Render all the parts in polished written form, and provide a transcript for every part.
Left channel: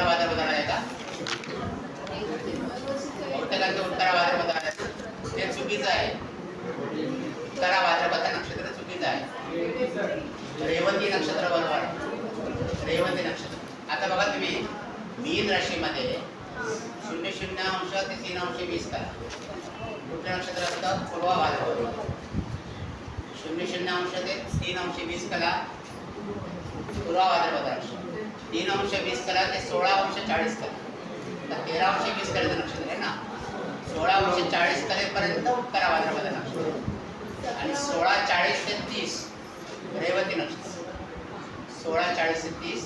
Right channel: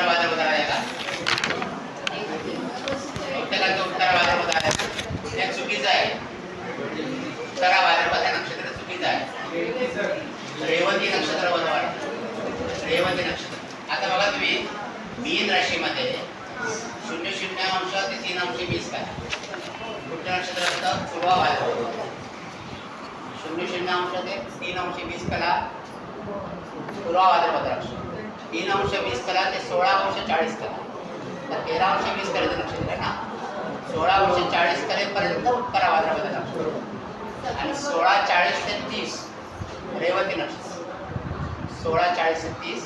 उत्तर भाद्रपद आहे का? बहुतेकांचं उत्तर भाद्रपद आहे हे चुकीचं आहे. उत्तर भाद्रपद हे नक्षत्र चुकीचं आहे. रेवती नक्षत्र बनवा. रेवती नक्षत्र. आता बघा तुम्ही मीन राशीमध्ये 0.0 ते 3.20 काय कुठलं नक्षत्र असतं? पूर्व भाद्रपद. 0.0 ते 3.20 कला पूर्व भाद्रपद नक्षत्र. 3.20 कला ते 16.40 कला. तर 13.20 कलेचं नक्षत्र आहे ना. 16.40 कलेपर्यंत उत्तर भाद्रपद नक्षत्र आणि 16.40 ते 30 रेवती नक्षत्र. 16.40 ते 30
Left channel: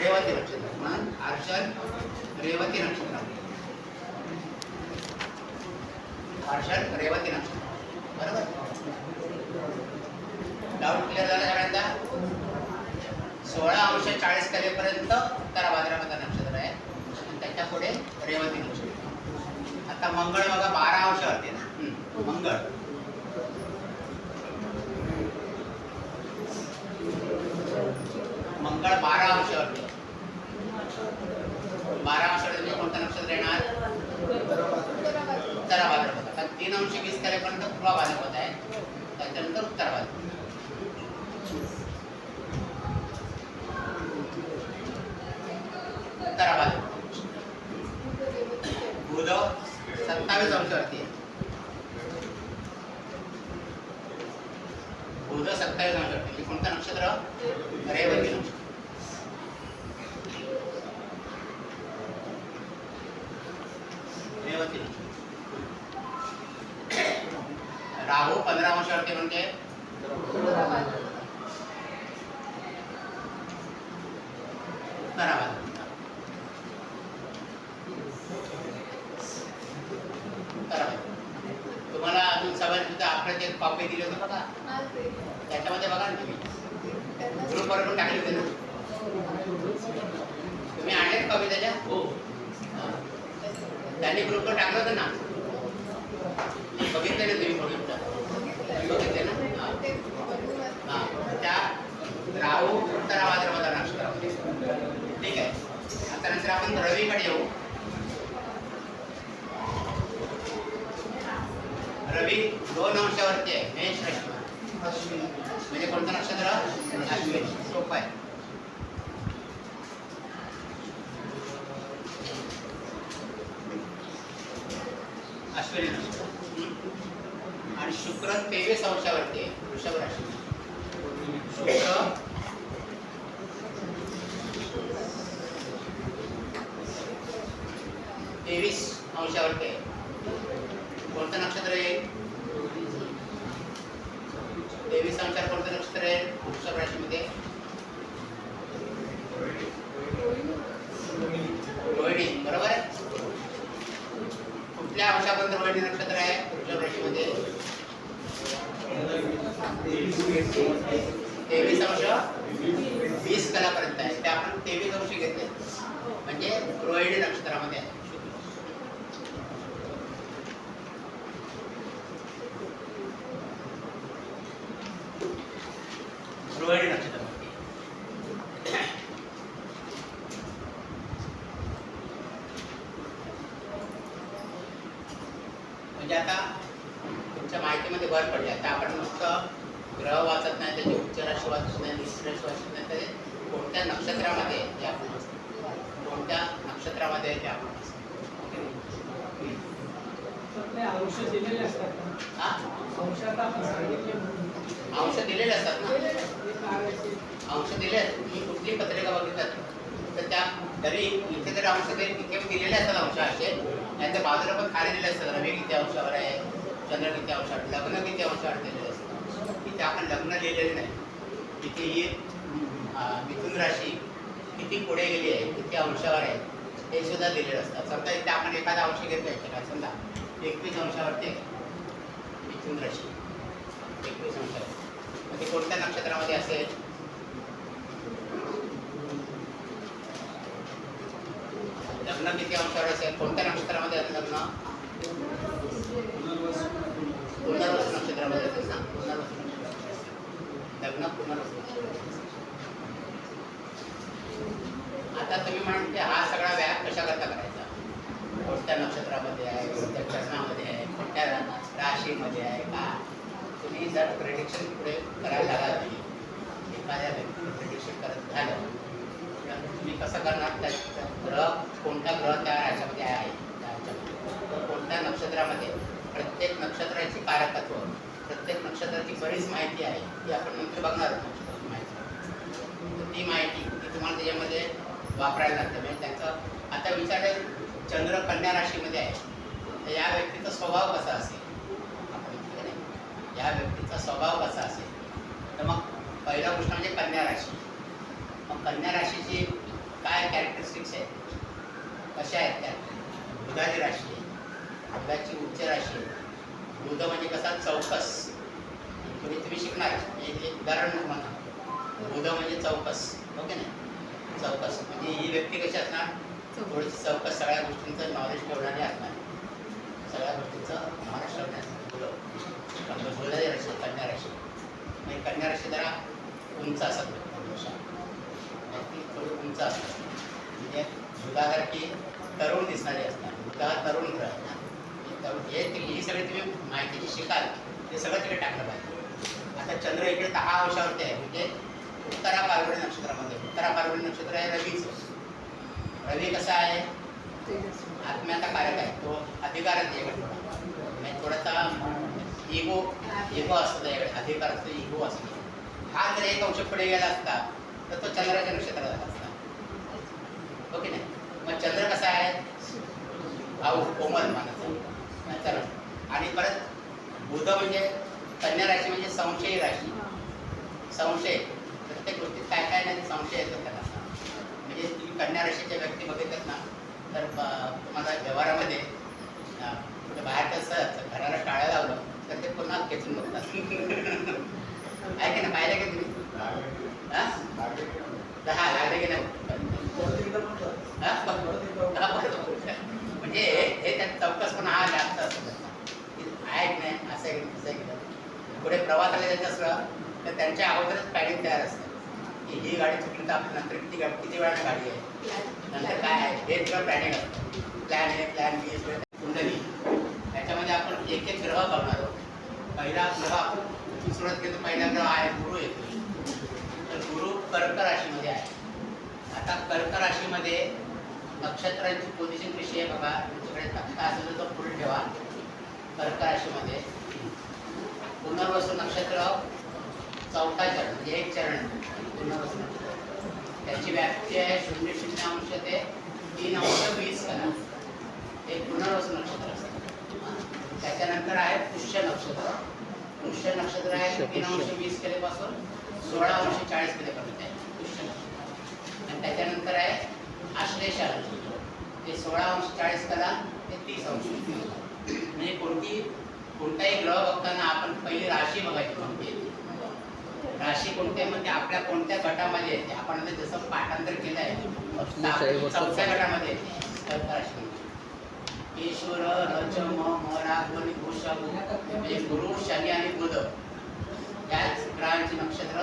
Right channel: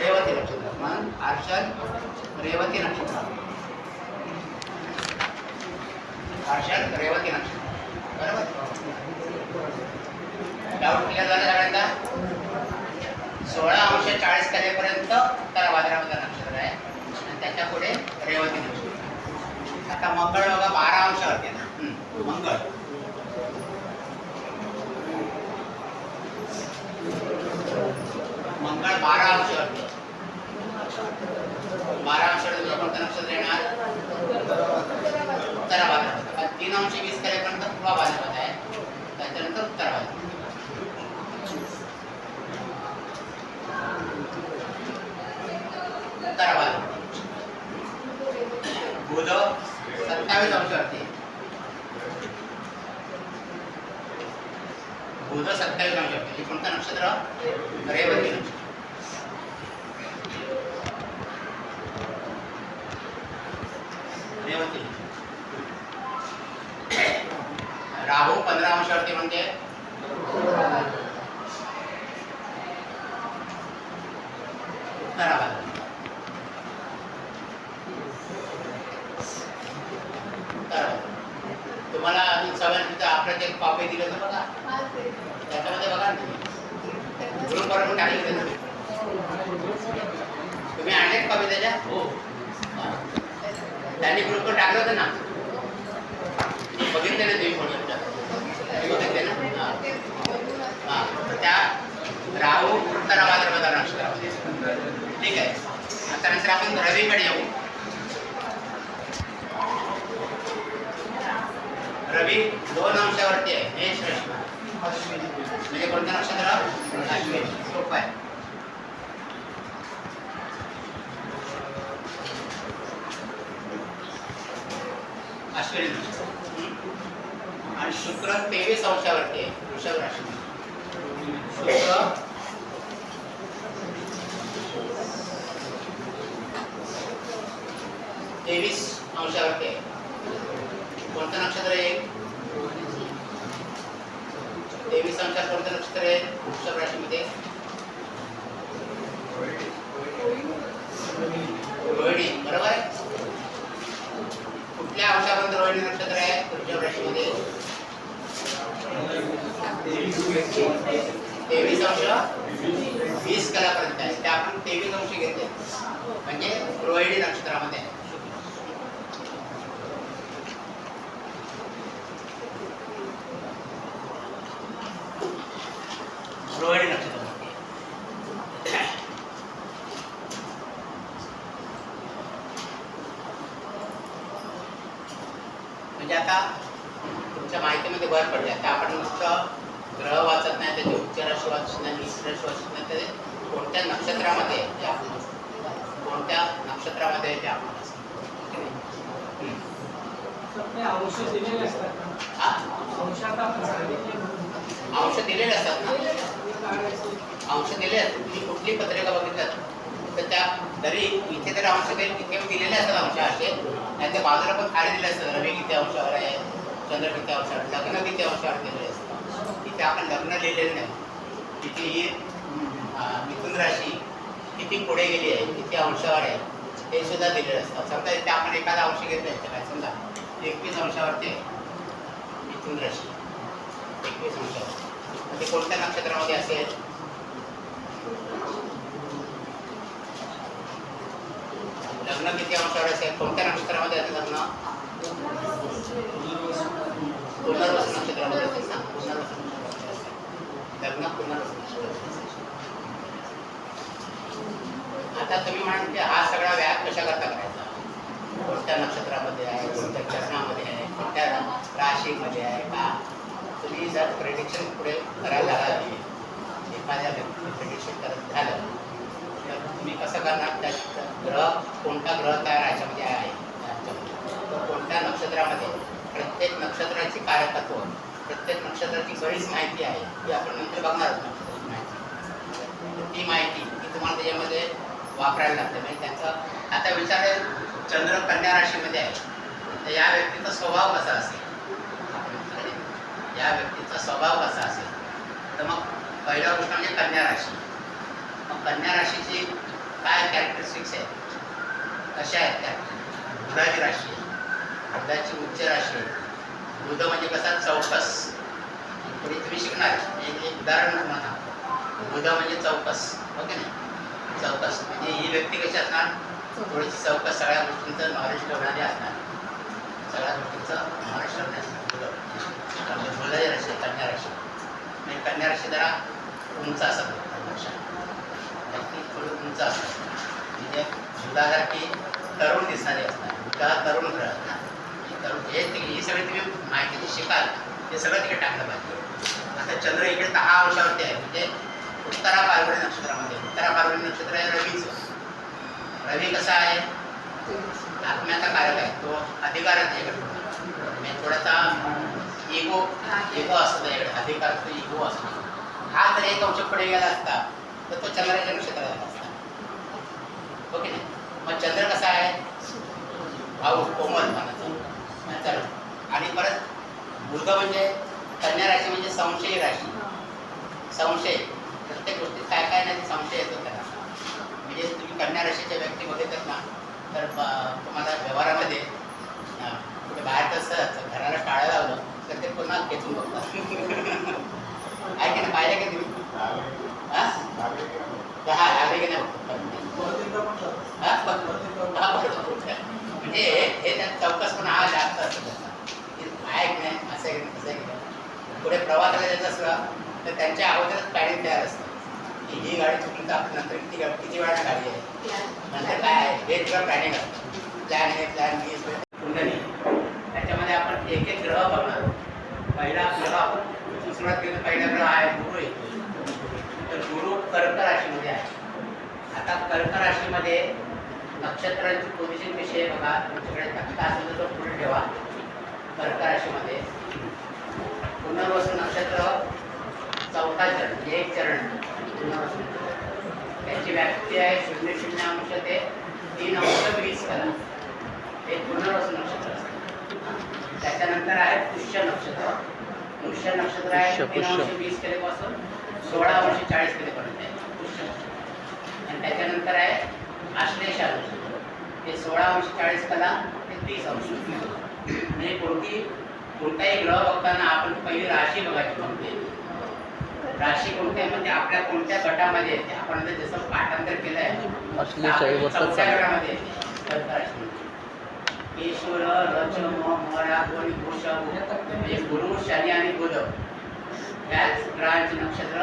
रेवती नक्षत्र. म्हणून आर्षद रेवती नक्षत्र. आर्षद रेवती नक्षत्र. बरोबर. डाऊट क्लिअर झाला सगळ्यांचा? 16.40 कलेपर्यंत उत्तर भाद्रपद नक्षत्र आहे आणि त्याच्या पुढे रेवती नक्षत्र. आता मंगळ बघा 12 वरती ना. मंगळ मंगळ 12 वरती. 12 वरती कोणतं नक्षत्र येणार? उत्तर भाद्रपद. आता 3.20 कलेपर्यंत पूर्व भाद्रपद आहे, त्याच्यानंतर उत्तर भाद्रपद. उत्तर भाद्रपद बुध 27 वरती. बुध 27 वरती. कोणतं नक्षत्र? रेवती नक्षत्र. रेवती. राहू 15 वरती म्हणजे उत्तर भाद्रपद. तुम्हाला अजून सगळ्यांचं आपलं जे कॉपी दिलं होतं बघा, त्याच्यामध्ये बघा ग्रुपवर पण टाकले होते ना. तुम्ही आणलेत कॉपी त्याच्या? हो. त्यांनी ग्रुपवर टाकलं होतं ना. बघितले ना तुम्ही म्हणून बघितले ना. हां त्या राहू उत्तर भाद्रपद नक्षत्रामध्ये. ठीक आहे. आता नंतर आपण रवीकडे येऊ. रवी 2 वरती आहे. मेष राशी म्हणजे कोणतं नक्षत्र? अश्विनी. सोपं आहे. अश्विनी नक्षत्र. आणि शुक्र 23 वरती आहे. वृषभ राशी. शुक्र 23 वरती आहे. कोणतं नक्षत्र आहे? 23 अंशात कोणतं नक्षत्र आहे वृषभ राशीमध्ये? रोहिणी. बरोबर आहे. कुठल्या अंशापर्यंत रोहिणी नक्षत्र आहे वृषभ राशीमध्ये? 23 अंश 20 कलापर्यंत आहे. ते आपण 23 अंश घेतले म्हणजे रोहिणी नक्षत्रामध्ये आहे. रोहिणी नक्षत्र. म्हणजे आता तुमच्या माहितीमध्ये भर पडली. आता आपण नुसतं ग्रह वाचत नाही, त्याचे उच्च राशी वाचत नाही, नीच राशी वाचत नाही, ते कोणत्या नक्षत्रामध्ये ते आपण वाचतो, कोणत्या नक्षत्रामध्ये ते आपण वाचतो. अंश दिलेले असतात ना. अंश दिले. तुम्ही कुठली पत्रिका बघितल्यात तर त्या तरी इथे जर अंश तिथे दिलेले असतात अंश असे, नाही त्या बाजूला पण खाली दिले असतात. रवी किती अंशावर आहे, चंद्र किती अंशावर, लग्न किती अंशावर दिलेले असतात. तिथे आपण लग्न लिहिलेलं नाही. तिथे ही मिथुन राशी किती पुढे गेली आहे, किती अंशावर आहे हे सुद्धा दिलेलं असतं. समजा इथे आपण एखादा अंश घेतला काय समजा 21 अंशावरती मिथुन राशी 21 अंशावर. ते कोणत्या नक्षत्रामध्ये असेल? लग्न किती अंशावर असेल? कोणत्या नक्षत्रामध्ये असेल लग्न? पुनर्वसु नक्षत्रामध्ये असेल ना. पुनर्वसु लग्न पुनर्वसु नक्षत्रामध्ये. आता तुम्ही म्हणाल की हा सगळा व्याप कशा करता करायचा, कोणत्या नक्षत्रामध्ये आहे, कोणत्या चरणामध्ये आहे, कोणत्या राशीमध्ये आहे का. तुम्ही जर प्रेडिक्शन पुढे करायला लागला, एखाद्या व्यक्ती प्रेडिक्शन करत झालं तर तुम्ही कसं करणार, त्याचा ग्रह कोणता ग्रह त्या राशीमध्ये आहे, कोणत्या नक्षत्रामध्ये, प्रत्येक नक्षत्राची कारकत्व, प्रत्येक नक्षत्राची बरीच माहिती आहे ती आपण नंतर बघणार आहोत. नक्षत्राची माहिती, ती माहिती ती तुम्हाला त्याच्यामध्ये वापरायला लागते. म्हणजे त्यांचं आता विचार, चंद्र कन्या राशीमध्ये आहे तर या व्यक्तीचा स्वभाव कसा असेल, या व्यक्तीचा स्वभाव कसा असेल. तर मग पहिला गोष्ट म्हणजे कन्या राशी. मग कन्या राशीची काय कॅरेक्टरिस्टिक्स आहेत, कशा आहेत त्या. बुधाची राशी आहे, बुधाची उच्च राशी आहे. बुध म्हणजे कसा चौकस, पुढे तुम्ही शिकणार एक उदाहरण म्हणा. बुध म्हणजे चौकस, ओके नाही, चौकस म्हणजे ही व्यक्ती कशी असणार, थोडीशी चौकस, सगळ्या गोष्टींचं नॉलेज ठेवणारी असणार, सगळ्या गोष्टींचं नॉलेज ठेवणारी असणार. बुधाची राशी, कन्या राशी. म्हणजे कन्या राशी जरा उंच असत, व्यक्ती थोडी उंच असतात, म्हणजे बुधासारखी तरुण दिसणारी असणार. बुधा तरुण ग्रह असणार. तरुण ही सगळी तुम्ही माहिती जी शिकाल ते सगळं तिकडे टाकलं पाहिजे. आता चंद्र इकडे 10 अंशावरती आहे, म्हणजे उत्तरा फाल्गुनी नक्षत्रामध्ये. उत्तरा फाल्गुनी नक्षत्र आहे रवीचं. रवी कसा आहे, आत्म्याचा कारक आहे, तो अधिकारच आहे इकडे थोडा, म्हणजे थोडासा इगो असतो त्याच्याकडे, अधिकारचा इगो असतो. हा जर एक अंश पुढे गेला असता तर तो चंद्राच्या नक्षत्रात आला असता, ओके नाही. मग चंद्र कसा आहे, भाऊ कोमल मानाचा. चला, आणि परत बुध म्हणजे कन्या राशी म्हणजे संशयी राशी. संशय, प्रत्येक गोष्टीत काय काय नाही संशय येतो त्याला. म्हणजे तुम्ही कन्या राशीच्या व्यक्ती बघितलं ना तर तुम्हाला व्यवहारामध्ये कुठे बाहेर कसं घराला टाळं लावलं तर ते पुन्हा खेचून बघतात. आहे की नाही, पाहिलं का तुम्ही? हा लागले की नाही, म्हणजे हे त्या चौकसपणा हा जास्त असतो आहे की नाही, असं आहे की नाही, तसं आहे की नाही. पुढे प्रवासाला जायचं असलं तर त्यांच्या अगोदरच प्लॅनिंग तयार असतं की ही गाडी चुकली तर आपण नंतर किती वेळा गाडी आहे, नंतर काय आहे, हे सगळं प्लॅनिंग असतं. प्लॅन ए, प्लॅन बी, कुंडली. त्याच्यामध्ये आपण एक एक ग्रह बघणार आहोत. पहिला ग्रह आपण सुरुवात केली, पहिला ग्रह आहे गुरु येतो. तर गुरु कर्क राशीमध्ये आहे. आता कर्क राशीमध्ये नक्षत्रांची पोझिशन कशी आहे बघा, तुमच्याकडे तक्ता असेल तर पुढे ठेवा. कर्क राशीमध्ये पुनर्वसू नक्षत्र चौथा चरण, म्हणजे एक चरण पुनर्वसू नक्षत्र. त्याची व्याप्ती आहे 0.0 ते 3.20 कला. हे पुनर्वसू नक्षत्र असतं. त्याच्यानंतर आहे पुष्य नक्षत्र. पुष्य नक्षत्र आहे 3.20 केलेपासून 16.40 केलेपर्यंत आहे पुष्य नक्षत्र. आणि त्याच्यानंतर आहे आश्लेषा नक्षत्र. ते 16.40 कला ते 30°. म्हणजे कोणताही ग्रह बघताना आपण पहिली राशी बघायची. कोणती राशी कोणती आहे म्हणजे आपल्या कोणत्या गटामध्ये येते. आपण आता जसं पाठांतर केलं आहे चौथ्या गटामध्ये येते कर्क राशी. ईश्वर रच मरा गुण भूषव, म्हणजे गुरु शनी आणि बुध त्याच ग्रहांची नक्षत्र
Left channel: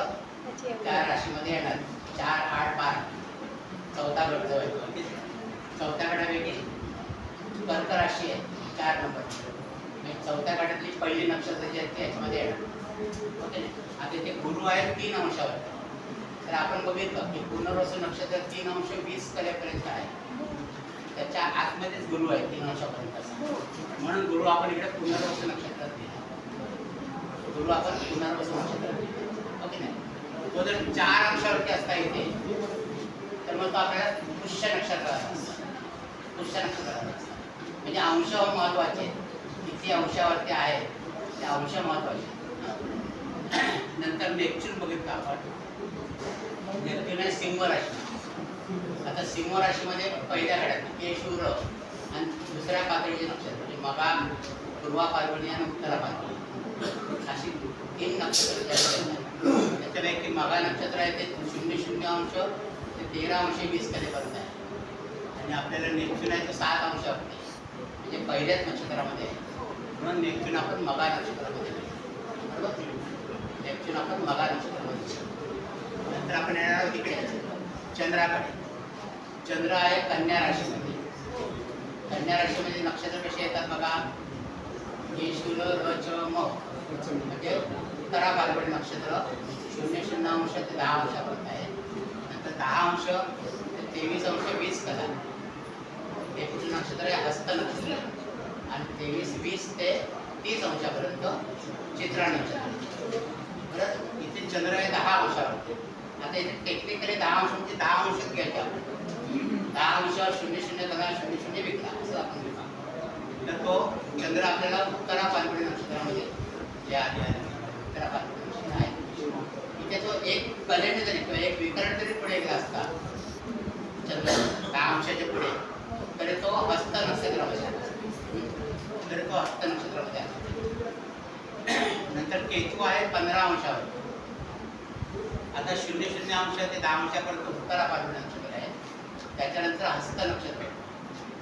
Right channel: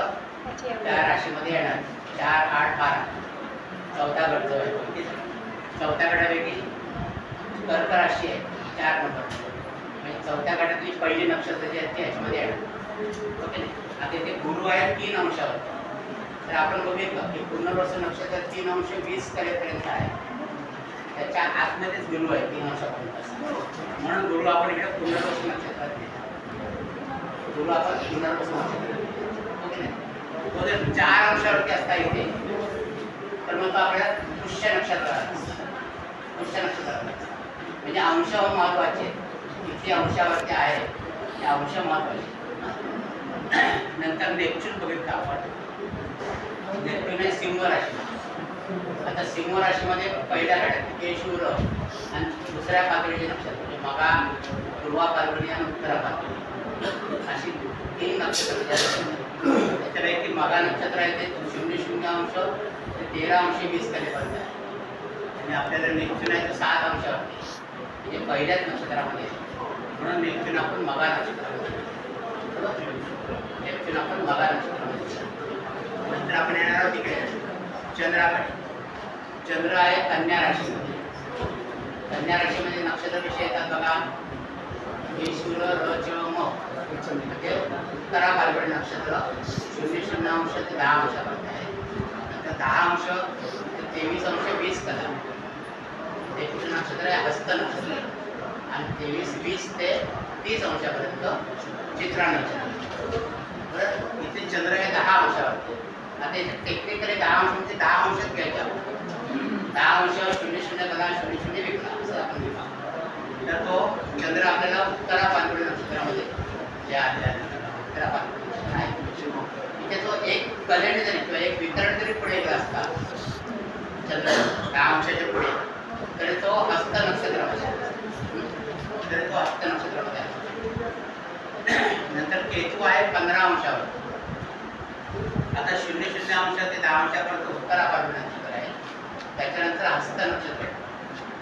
त्या राशीमध्ये येणार. 4, 8, 12 चौथा गट जो आहे. चौथ्या गटापैकी कर्क राशी आहे 4 नंबर. म्हणजे चौथ्या गटातली पहिली नक्षत्र जी आहे ती याच्यामध्ये येणार, ओके. आता इथे गुरु आहे 3 अंशावर. तर आपण बघितलं की पुनर्वसू नक्षत्र 3.20 कलेपर्यंत आहे. त्याच्या आतमध्येच गुरु आहे 3 अंशापर्यंत. म्हणून गुरु आपण इकडे पुनर्वसू नक्षत्रात घेतो. गुरु आपण पुनर्वसू नक्षत्रात, ओके नाही. तो जर 4 अंशावरती असता इथे तर मग तो आपल्याला पुष्य नक्षत्रात, पुष्य नक्षत्रात म्हणजे अंश महत्वाचे. किती अंशावरती आहे ते अंश महत्वाचे. नंतर नेपच्यून बघितलं आपण. नेपच्यून आहे सिंह राशी. आता सिंह राशीमध्ये पहिल्या गड्यात केशूर आणि दुसऱ्या पातळीचे नक्षत्र म्हणजे मगा, पूर्वा फाल्गुनी आणि उत्तरा फाल्गुनी अशी 3 नक्षत्र. त्याच्यापैकी मगा नक्षत्र आहे ते 0.0 ते 13.20 कलेपर्यंत आहे. आणि आपल्याला नेपच्यून आहे तर 7 अंशावरती, म्हणजे पहिल्याच नक्षत्रामध्ये. म्हणून नेपच्यून आपण मगा नक्षत्रामध्ये, नेपच्यून आपण मगा नक्षत्रामध्ये. नंतर आपण येणार आहोत इकडे चंद्राकडे. चंद्र आहे कन्या राशीमध्ये. कन्या राशीमध्ये नक्षत्र कसे येतात बघा, मेष र च म म्हणजे उत्तरा फाल्गुनी नक्षत्र 00 ते 10 अंशापर्यंत आहे. नंतर 10 अंश ते 23 अंश 20 कला ते पुढे नक्षत्र आहे हस्त नक्षत्र आणि 23-20 ते 30 अंशापर्यंत चित्रा नक्षत्र. बरं, इथे चंद्र आहे 10 अंशावरती. आता इथे टेक्निकली 10 अंश म्हणजे 10 अंशच घ्यायचे आपण. 10 अंशावर 00 कला 00 विकला असं आपण घेतो. तर तो चंद्र आपल्याला उत्तरा फाल्गुनी नक्षत्रामध्ये जे आलेला आहे उत्तरा फाल्गुनी नक्षत्र आहे. इथे तो एक कलेने जरी किंवा एक वितरण जरी पुढे गेला असता चंद्र 10 अंशाच्या पुढे, तरी तो हस्त नक्षत्रामध्ये तरी तो हस्त नक्षत्रामध्ये आहे. नंतर केतू आहे 15 अंशावर. आता 00 अंश ते 10 अंशापर्यंत उत्तरा फाल्गुनी नक्षत्र आहे. त्याच्यानंतर हस्त नक्षत्र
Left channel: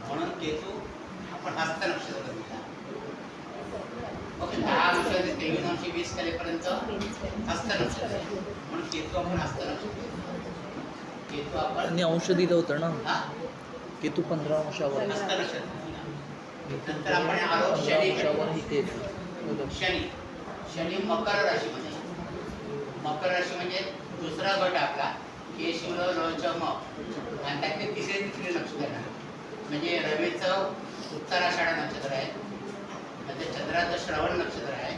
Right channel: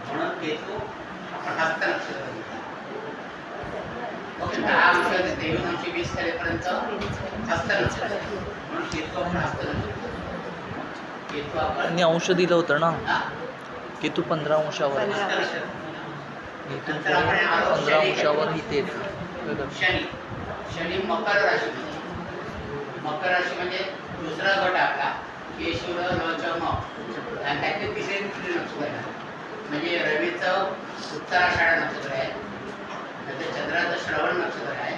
म्हणून केतू आपण हस्त नक्षत्र घेतला. 10 अंश ते 23 अंश 20 कलेपर्यंत हस्त नक्षत्र म्हणून केतू आपण हस्त नक्षत्र. केतू आपण अंश दिलं होतं ना, केतू 15 अंशावर. हस्त नक्षत्र. नंतर आपण 15 अंशावर इथे शनी. शनी मकर राशीमध्ये. मकर राशी म्हणजे दुसरा गट आपला केश र च म आणि त्याचे तिसरे नक्षत्र आहे. म्हणजे रवीचं उत्तराषाढा नक्षत्र आहे, नंतर चंद्राचं श्रवण नक्षत्र आहे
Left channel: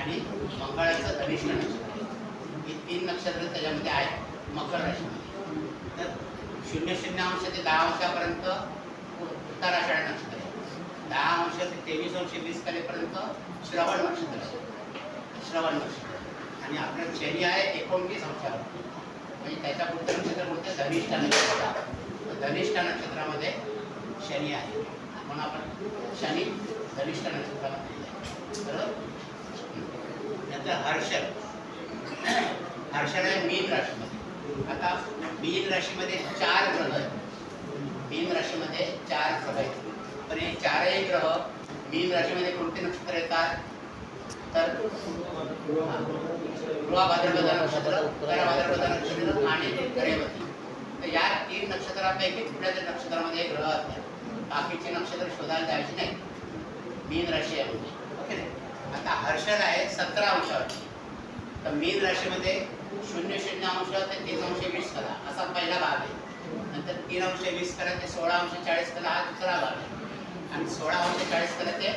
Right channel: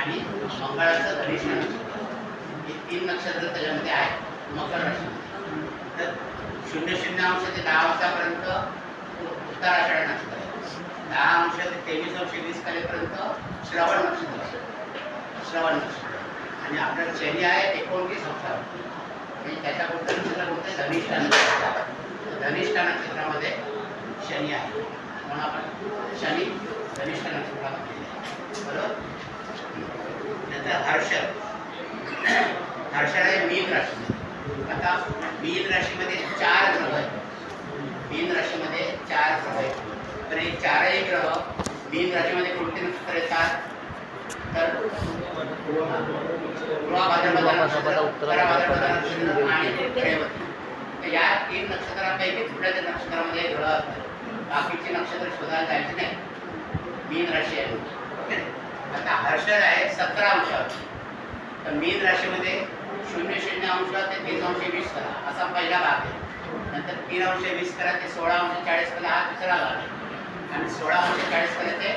आणि मंगळाचं धनिष्ठ नक्षत्र आहे. ही 3 नक्षत्र त्याच्यामध्ये आहे मकर राशीमध्ये. तर 00 अंश ते 10 अंशापर्यंत उत्तराषाढा नक्षत्र आहे. 10 अंश ते 23 अंश 20 कलेपर्यंत श्रवण नक्षत्र आहे. श्रवण नक्षत्र आणि आपलं शनी आहे 29 अंशावर. म्हणजे त्याच्या पुढचं नक्षत्र कोणतं धनिष्ठा नक्षत्र. धनिष्ठा नक्षत्रामध्ये शनी आहे म्हणून आपण शनी धनिष्ठा नक्षत्रामध्ये आहे. बरोबर. नंतर हर्षद आहे मीन राशीमध्ये. आता मीन राशीमध्ये 4 ग्रह आहेत. मीन राशीमध्ये 4 ग्रह आहेत. तर हे 4ही ग्रह मीन राशीमध्ये कोणते नक्षत्र येतात तर पूर्वा भाद्रपद नक्षत्र, उत्तरा भाद्रपद नक्षत्र आणि रेवती. तर या 3 नक्षत्रांपैकी कुठल्या तरी नक्षत्रामध्ये ग्रह असतात. बाकीचे नक्षत्र शोधायला जायचे नाही. मीन राशी आहे. ओके. आता हर्षद आहे 17 अंशावर. तर मीन राशीमध्ये 00 अंश ते 30 अंश 20 कला असा पहिला भाग आहे. नंतर 3 अंश 20 कला ते 16 अंश 40 कला हा दुसरा भाग आहे. आणि 16 अंश 40 कला ते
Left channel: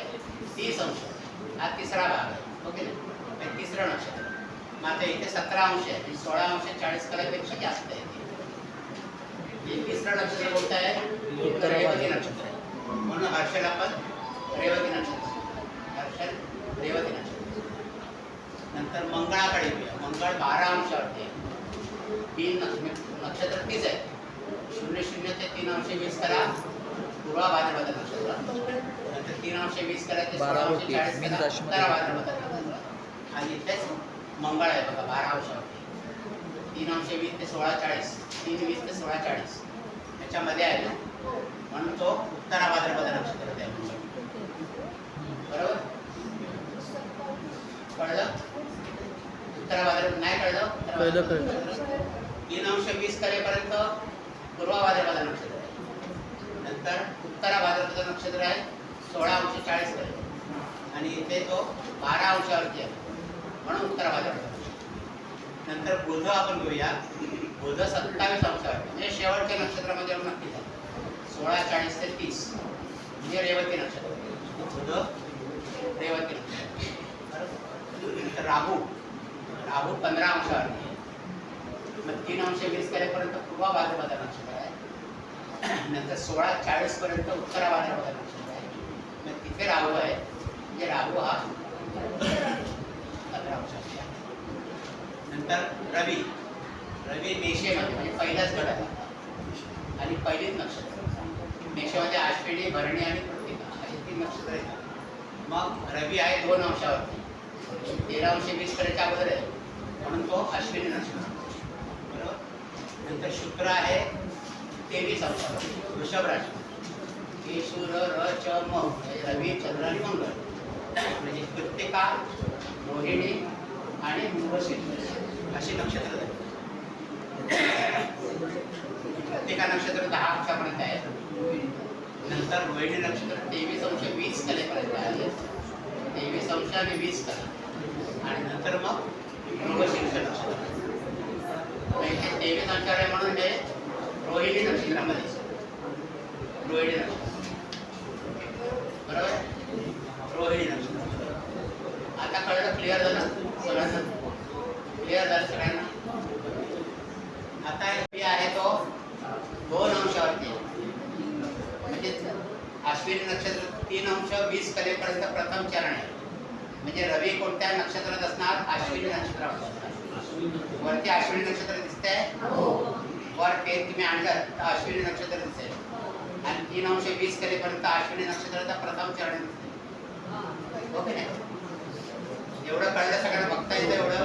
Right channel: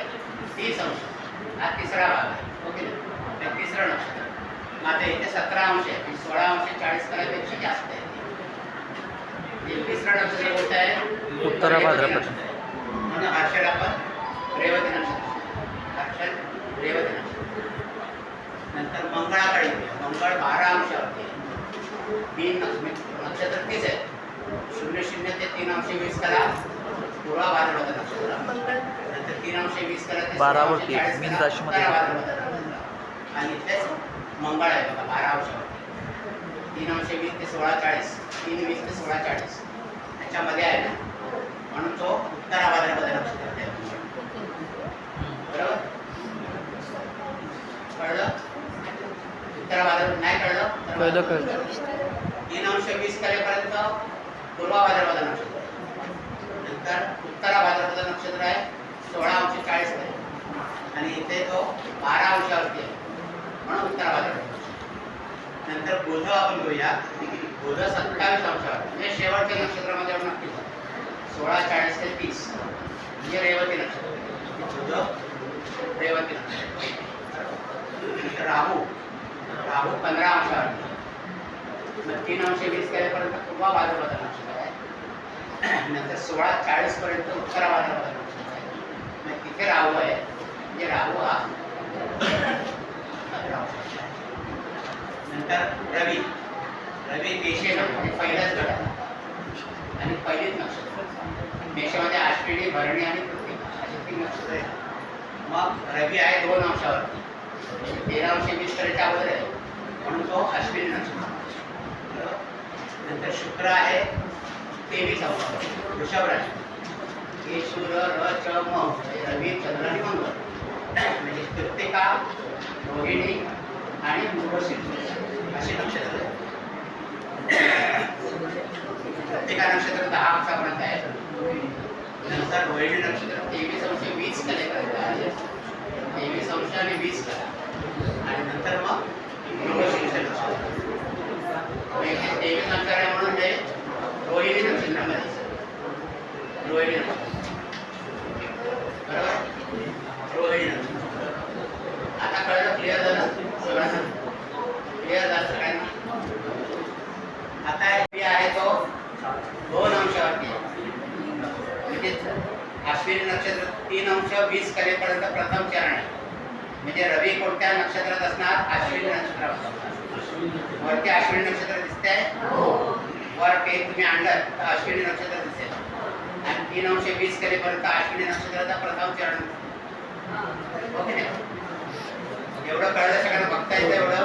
30 अंश हा तिसरा भाग आहे. ओके. तर तिसरं नक्षत्र. माझं इथे 17 अंश आहे, 16 अंश 40 कलापेक्षा जास्त आहे. तिसरं नक्षत्र कोणतं आहे उत्तरा भाद्रपद. म्हणून हर्षद आपण रेवती नक्षत्र. हर्षद रेवती नक्षत्र. नंतर मंगळाकडे येऊया. मंगळ 12 अंशावरती आहे. 3 नक्षत्र 30 आहे. 00 ते 3 अंश 20 कला पूर्वा भाद्रपद नक्षत्र. नंतर 3 अंश 20 कला ते 12 वरती मीन राशीमध्ये. आणि इथेच मंगळ आहे बघा 12 अंशावर. 3 अंश 20 ते 16 40 3 20 ते 16 40 त्याच्यामध्ये आहे ना, म्हणून तो उत्तरा भाद्रपद नक्षत्रात आहे. बरोबर. कळलं? उत्तरा भाद्रपद नाही कळलं? कळलं. 3 अंश 20 कलेपर्यंत पूर्वा भाद्रपद नक्षत्र आहे. नंतर उत्तरा भाद्रपद नक्षत्र आहे 16 अंश 40 आहे आणि इथे तो 12 अंशावरती आहे म्हणून उत्तरा भाद्रपद. नंतर बुध आपण घेऊया. बुध 27 अंशावर म्हणजे शेवटच्या नक्षत्रामध्ये आपण नक्की जाऊ. 16 40 ते 30 म्हणजे रेवती नक्षत्र. बुध रेवती नक्षत्र. नंतर राहू 15 अंशावर. मग 3 अंश 20 केल्यापर्यंत पूर्वा भाद्रपद नक्षत्र आहे. नंतर 16 40 पर्यंत उत्तरा भाद्रपद नक्षत्र आहे. मग तिथे राहू आहे म्हणजे राहू हा 15 अंशाचा आहे. नंतर रवी मेषे म्हणजे पहिलाच गट आहे आणि पहिलीच नक्षत्र. मेषामध्ये आश्विनी भरणी आणि कृतिका अशी 3 नक्षत्र आहेत. मग रवी आहे 2 अंशावरती. 13 अंश 20 पर्यंत अगोदर आहे म्हणून तो अश्विनी नक्षत्र. नंतर शुक्र आहे 23 अंशावर वृषभ राशी. हे सूर्य र च म रवी चंद्र आणि मंगळ म्हणजे कृतिका रोहिणी आणि मृगशीर्ष अशी नक्षत्र. कृत्तिका नक्षत्र 10 अंशापर्यंत आहे. नंतर रोहिणी नक्षत्र 23 अंश 20 कलेपर्यंत आहे. 23 अंश आणि 20 कला आणि नंतर मग मृगशीर्ष नक्षत्र. 23 अंश आहे म्हणून हे रोहिणी नक्षत्रामध्ये रोहिणी नक्षत्र बरोबर. रोहिणी नक्षत्र आता कळलं. क्लिअर झालं सगळ्यांना? क्लिअर झालं सगळ्यांना? आता हे आहे तो 2 अंशावरती आहे. म्हणजे अश्विनी नक्षत्र 3 अंश 20 कलेपर्यंत प्रथम चरण आहे. म्हणजे रवी कोणत्या नक्षत्रात असणार? अश्विनी नक्षत्रात असणार. वरती अश्विनी नक्षत्र दिसतंय. वर पेन तुम्ही आणलं तर अश्विनी नक्षत्र दिसेल आणि 3 अंश 20 कलेपर्यंत अश्विनी नक्षत्राचा प्रथम चरण. ओके नाही? एवढं कळलं सगळ्यांना? बघता येतं एवढं?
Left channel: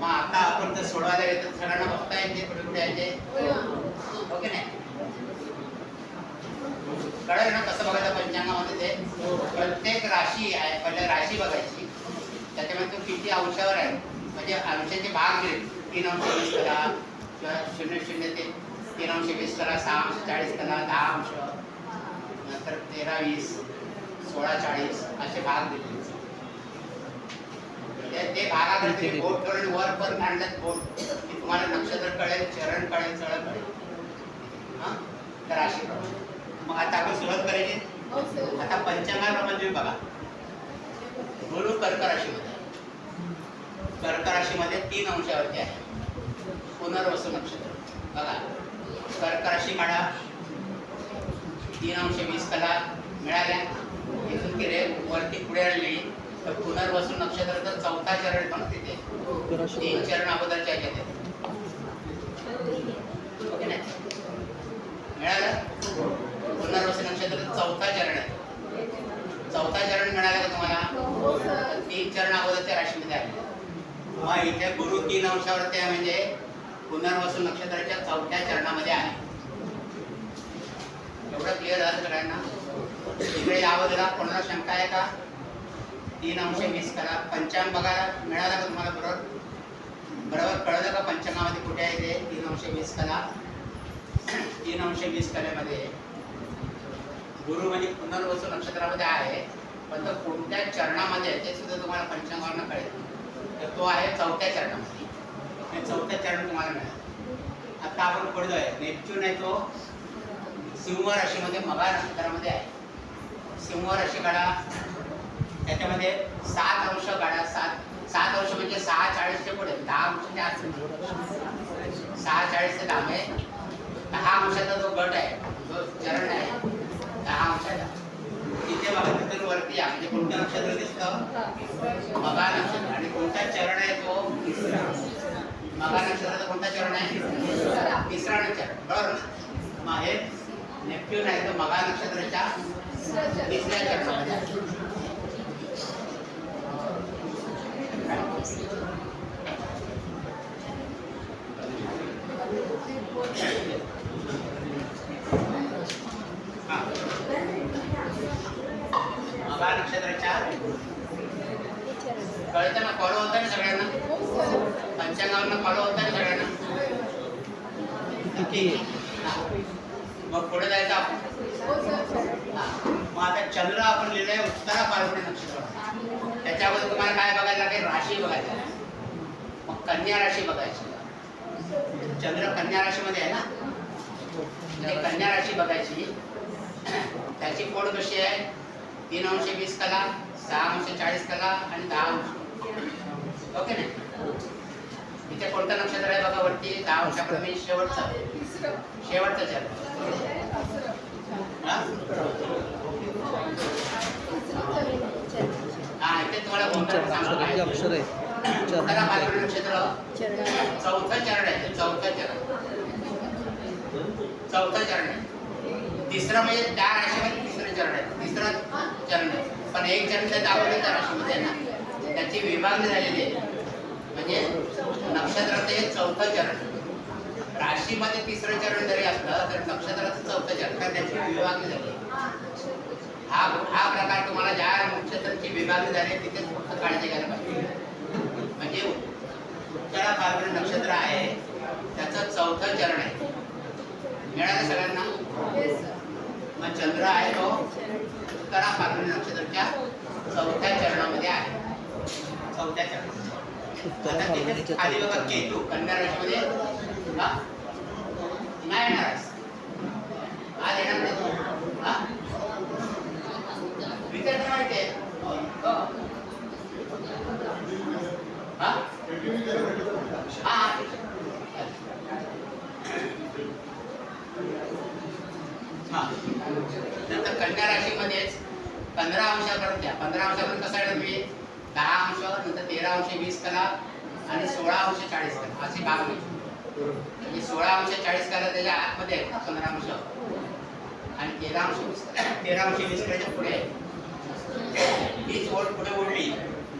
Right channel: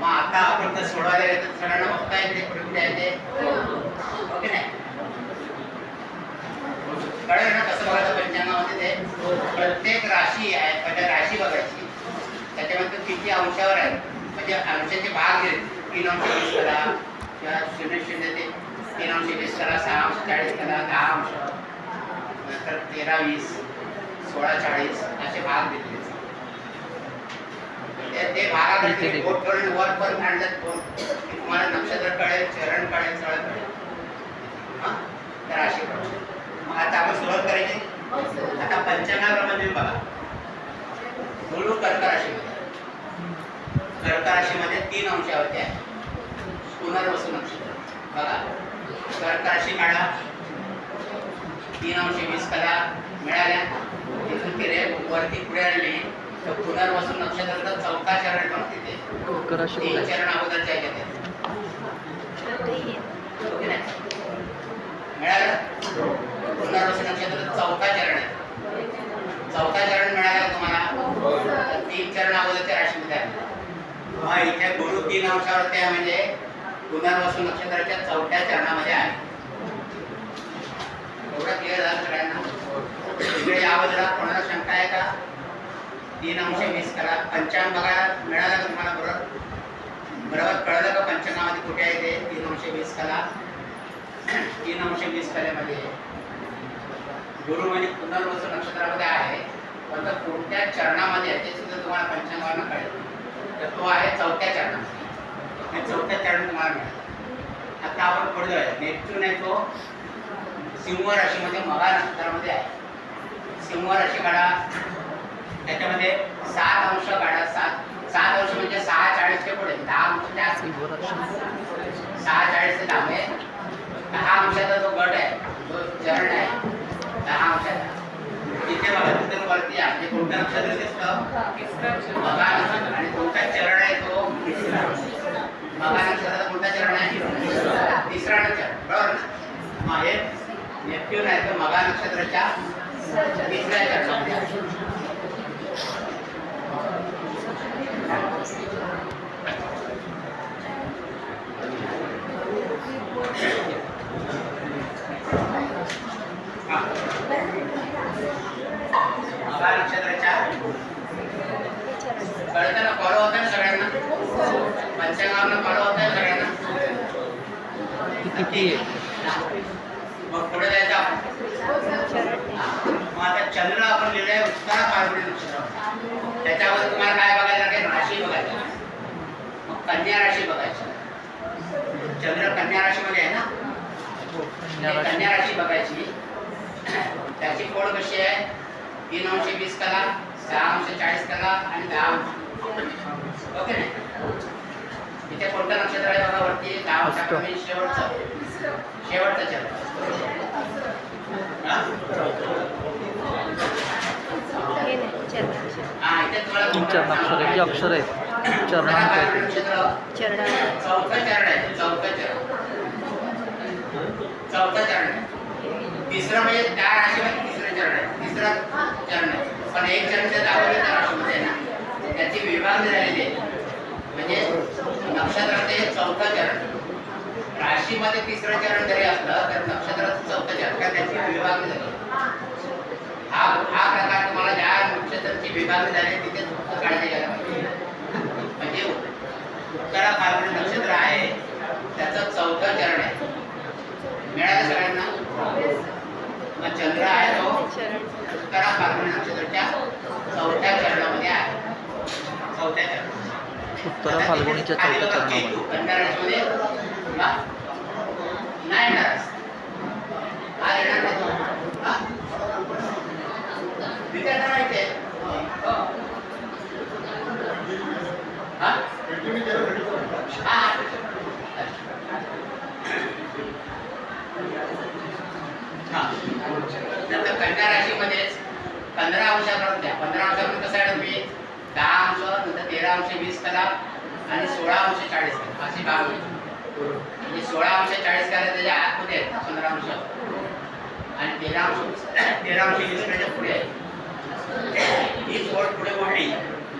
मग आता आपण तर सोडवायला येतो सगळ्यांना बघता येते कुठे कुठे आहे ते. ओके नाही? कळलं ना कसं बघायचं पंचांगामध्ये? ते प्रत्येक राशी आहे. पहिले राशी बघायची, त्याच्यामध्ये किती अंशावर आहे म्हणजे अंशाचे भाग दिले. 3 अंश 20 कला किंवा 0 ते 3 अंश 20 कला, 6 अंश 40 कला, 10 अंश, नंतर 13 20 16 40 असे भाग दिले. ते भागामध्ये बोट करून वर पण आणलं बोट तुम्हाला नक्षत्र कळेल, चरण कळेल, सगळं कळेल. हां तर राशी कळेल. मग आता आपण सुरुवात करायची. आता पंचांगाप्रमाणे बघा. गुरु कर्क राशीमध्ये, कर्क राशीमध्ये 3 अंशावरती आहे. पुनर्वसू नक्षत्र बघा. कर्क राशी काढा. 3 अंश 20 कला मिळाल्या. तिथून तिथे वरती पुढे आलेली तर पुनर्वसू नक्षत्राचा 4था चरण येतो ना तिथे. 3 चरण अगोदरच्या ह्याच्यात आहे. ओके नाही? मिळालं? पुनर्वसू नक्षत्राचं 4था चरण आहे. 4था चरण मिळालं का तुम्हाला? 3 चरण अगोदरच्या राशीमध्ये आहे. मग इथे गुरु 3 अंशावरती आहे म्हणजे पुनर्वसू नक्षत्राच्या 4थ्या चरणामध्ये आहे. एवढं क्लिअर झालं सगळ्यांना? इकडे याबद्दल कोणाला शंका आहे का? 3 अंश 20 कला पंचांग बघायला मिळालं का तुम्हाला? बरोबर कळलं का पंचांगामध्ये कुठे आहे ते? 3 अंश 20 कला. 3 अंश 20 कलेमध्ये गुरु म्हणजे पुनर्वसू नक्षत्रामध्ये आहे. पण तो कोणत्या चरणामध्ये आहे ते सुद्धा तुम्हाला पंचांगावरनं कळेल. तर तो आहे 4थ्या चरणामध्ये. आणि 4थ्या चरण तुम्हाला मिळेल. आता आपण पुढे जाऊया. नेपच्यून आहे तो सिंह राशीमध्ये मघा नक्षत्रामध्ये आहे. सिंह राशी काढा. त्याच्यामध्ये 7 अंश काढा. 7 अंश म्हणजे 6 40 चे पुढे 10 अंश त्या 6 40 ते 10 अंशाचा जो गट आहे, जो चरण आहे 10 अंशाचा, तिथे बघा तिथे वरती आहे. म्हणजे कोणतं नक्षत्र दिसतं? मघा नक्षत्र. आणि कोणता चरण आहे तो? मघा नक्षत्राचा कोणता चरण आहे? तिसरा चरण. बरोबर ना? मग हे नेपच्यून आहे तो मघा नक्षत्राच्या 3ऱ्या चरणामध्ये आहे. मघा नक्षत्राच्या कळतं ना? फॉलो होतं ना सगळ्यांना? पंचांगावरनं फॉलो होतं ना सगळ्यांना? मग पुढे जायचं आपण. मग आता चंद्र आपण लिहिलंय उत्तरा फाल्गुनी नक्षत्रामध्ये. त्याच्यामध्ये तुम्हाला काय बघायला लागेल? राशी बघायला. मग कन्या राशी बघायची. चंद्र कन्या राशीमध्ये आहे ना? कन्या राशी बघायची. त्याची कोड कशी आहे? 3 अंश 20 कला, 6 अंश 40 कला आणि 10 अंश. ओके नाही? इथे कोणतं नक्षत्र आहे बघा वरती? 10 अंशाप्रमाणे शेवटचं चरण. हा इथे तुम्हाला अक्षर आहे. चौथं चरण आहे. चौथं चरण. तिसरं म्हणजे त्या राशीमध्ये तिसरं चरण आहे. तिसरं चरण आहे. पण एक चरण त्या दाखवलेल्या राशीमध्ये आहे ना, त्याची विभागणी झालेली आहे. म्हणजे नक्षत्राचे 4थं चरण. राशीमध्ये 3रं चरण जरी असलं तर नक्षत्राचं 4थं चरण, कारण त्याची विभागणी झाली. हा प्रकार तुम्हाला ज्या नक्षत्राची विभागणी झाली तिथे फक्त काळजी घ्यायला पाहिजे. म्हणजे उत्तरा फाल्गुनी नक्षत्र आहे, त्याचं 4थं चरण आहे. मिळालं सगळ्यांना? मग चंद्र आहे तो उत्तरा फाल्गुनी नक्षत्राच्या 4थ्या चरणामध्ये आहे. 4थ्या चरणात. उत्तरा फाल्गुनीच्या खाली 4थ्या बघा, चरणामध्ये. केतू कन्या राशीमध्ये हा? नाही येणार. हा येणार नाही. हा? विचारता माहिती आहे? हा? हा. हा. नंतर कन्या राशीमध्येच 15 अंशापर्यंत द्या. 15 अंशापर्यंत कसं आहे तुम्ही 10 अंश, नंतर 13 अंश 20 कला आणि 16 अंश 40 कला अशी भाग होईल. म्हणजे 16 अंश 40 कला त्याच्या आतमध्ये आहेत ना 15 अंश आणि 13 अंश 20 कलाच्या पुढे आहे. ही ओढ पुढे ओढली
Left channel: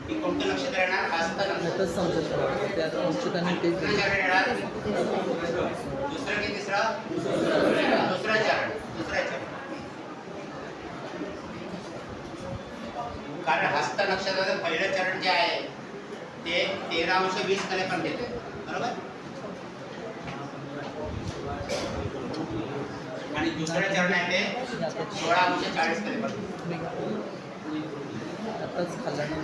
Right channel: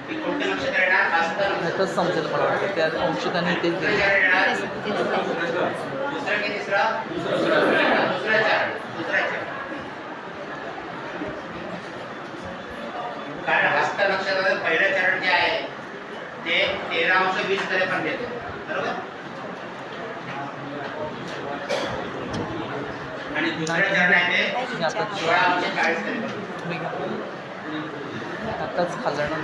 की कोणतं नक्षत्र येणार? हस्त नक्षत्र. तसंच समजेल मला वाटतं त्या अंशकांनी तेच दुसरं दिलं. चरण येणार. दुसरं की तिसरं? दुसरं चरण. कारण हस्त नक्षत्राचं पहिलं चरण जे आहे ते 13 अंश 20 कले पण देते. बरोबर? आणि दुसरं चरण आहे ते 16 अंश 40 कले पण देते. आताच खाल्लं ना.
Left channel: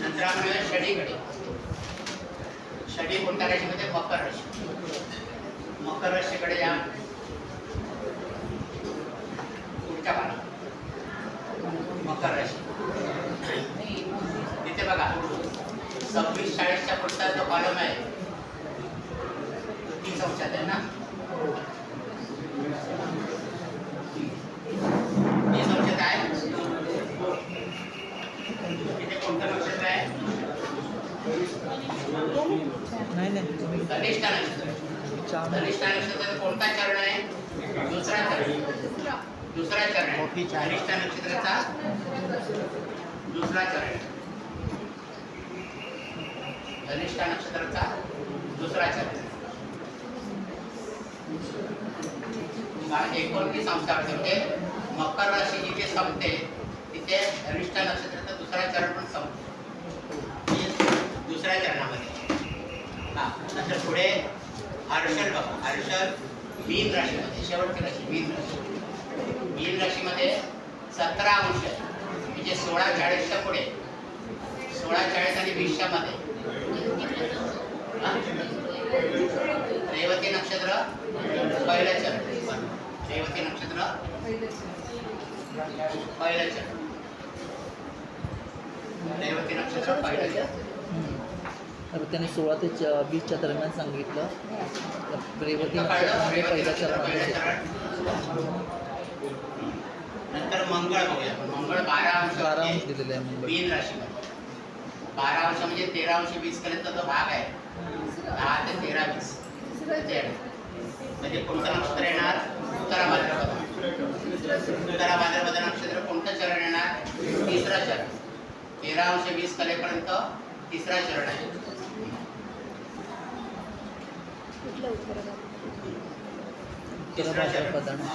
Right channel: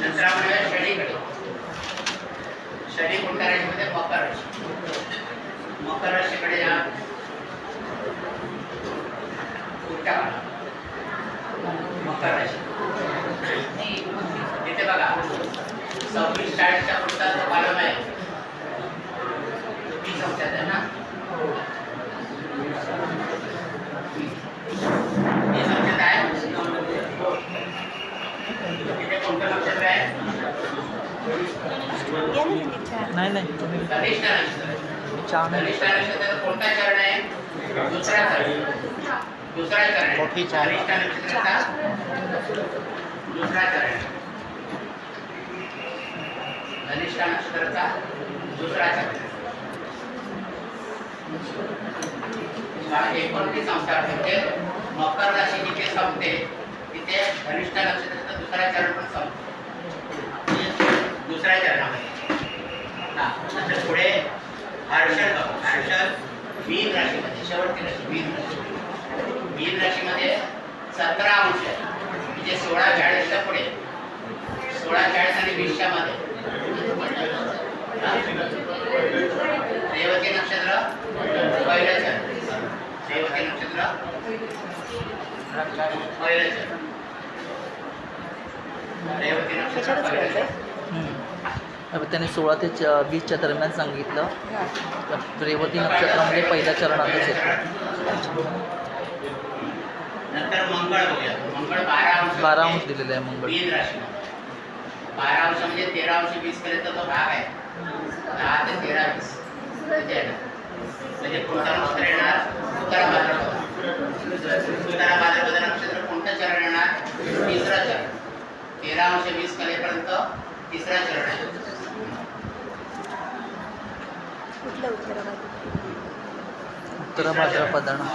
नंतर आपण येऊया शनीकडे. शनी कोणत्या राशीमध्ये? मकर राशी. मकर राशीकडे या. पुढच्या पानावर. मकर राशी. इथे बघा 26-40च्या पुढचा जो कॉलम आहे 30 अंशात आहे ना. 30 अंशात आहे. इथे कोणतं नक्षत्र आहे? नाही तुम्ही धनिष्ठा नक्षत्र. चहा नाही. धनिष्ठा नक्षत्राचा कोणता चरण आहे? दुसरा चरण. दुसरा चरण आहे. धनिष्ठा नक्षत्राचा दुसरा चरण. धनिष्ठा नक्षत्राचा दुसरा चरण. 29 अंशात म्हणजे मकर राशी जिथे संपते तिथे धनिष्ठा नक्षत्राचा दुसरा चरण पण संपतो. दुसऱ्या चरणामध्ये. हा. नंतर पुढे हर्षद बघा. हर्षद मीन राशीमध्ये शेवटची राशी मीन राशी. मीन राशीमध्ये 17 अंश आहे. म्हणजे 16-40च्या पुढे 16-40 आणि 20च्या मध्ये. रेवती नक्षत्र पहिलं चरण. रेवती नक्षत्र पहिलं चरण. रेवती नक्षत्र पहिलं चरण. त्यांनी 16 ते 20च्या दरम्यान सांगितलं. रेवती नक्षत्रामध्ये पहिल्या चरणातच येतं. नंतर मंगळ बघूया. मंगळ 12 अंश दिलेलं आहे मंगळ. मीन राशी. 12 अंश म्हणजे 13 अंश 20 पर्यंत तो भाग आहे. 10 ते 13 20 म्हणजे कोणतं नक्षत्र येणार? उत्तरा भाद्रपद. उत्तरा भाद्रपद नक्षत्र कोणतं चरण येणार? तिसरं चरण. 13 अंश 20 कलेपर्यंत तिसरा चरण आहे. उत्तरा भाद्रपदानं.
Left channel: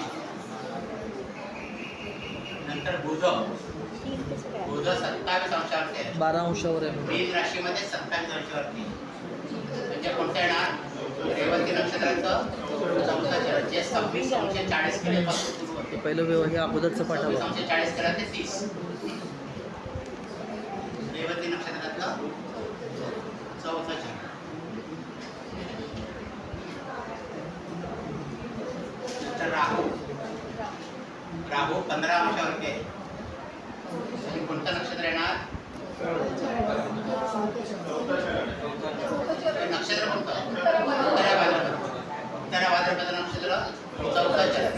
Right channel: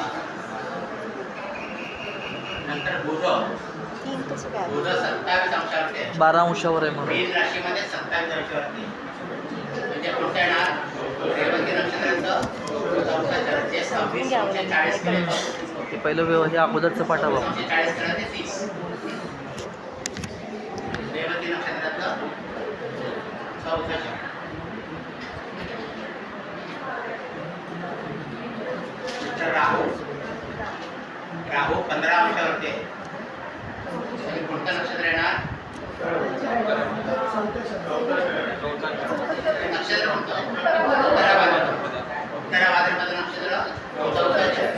नंतर बुध. बुध 27 अंशावरती आहे. 12 अंशावर आहे म्हणून. मीन राशीमध्ये 27 अंशावरती म्हणजे कोणतं येणार? रेवती नक्षत्राचं 4था चरण जे 26 अंश 40 कलेपासून ते पहिलं हे अगोदरचं पाठा बघा. 40 कला ते 30. रेवती नक्षत्रातलं 4था चरण. नंतर राहू. राहू 15 अंशावरती आहे. कोणतं नक्षत्र येणार? नक्षत्र कोणतं? उत्तरा भाद्रपद नक्षत्र 4था चरण.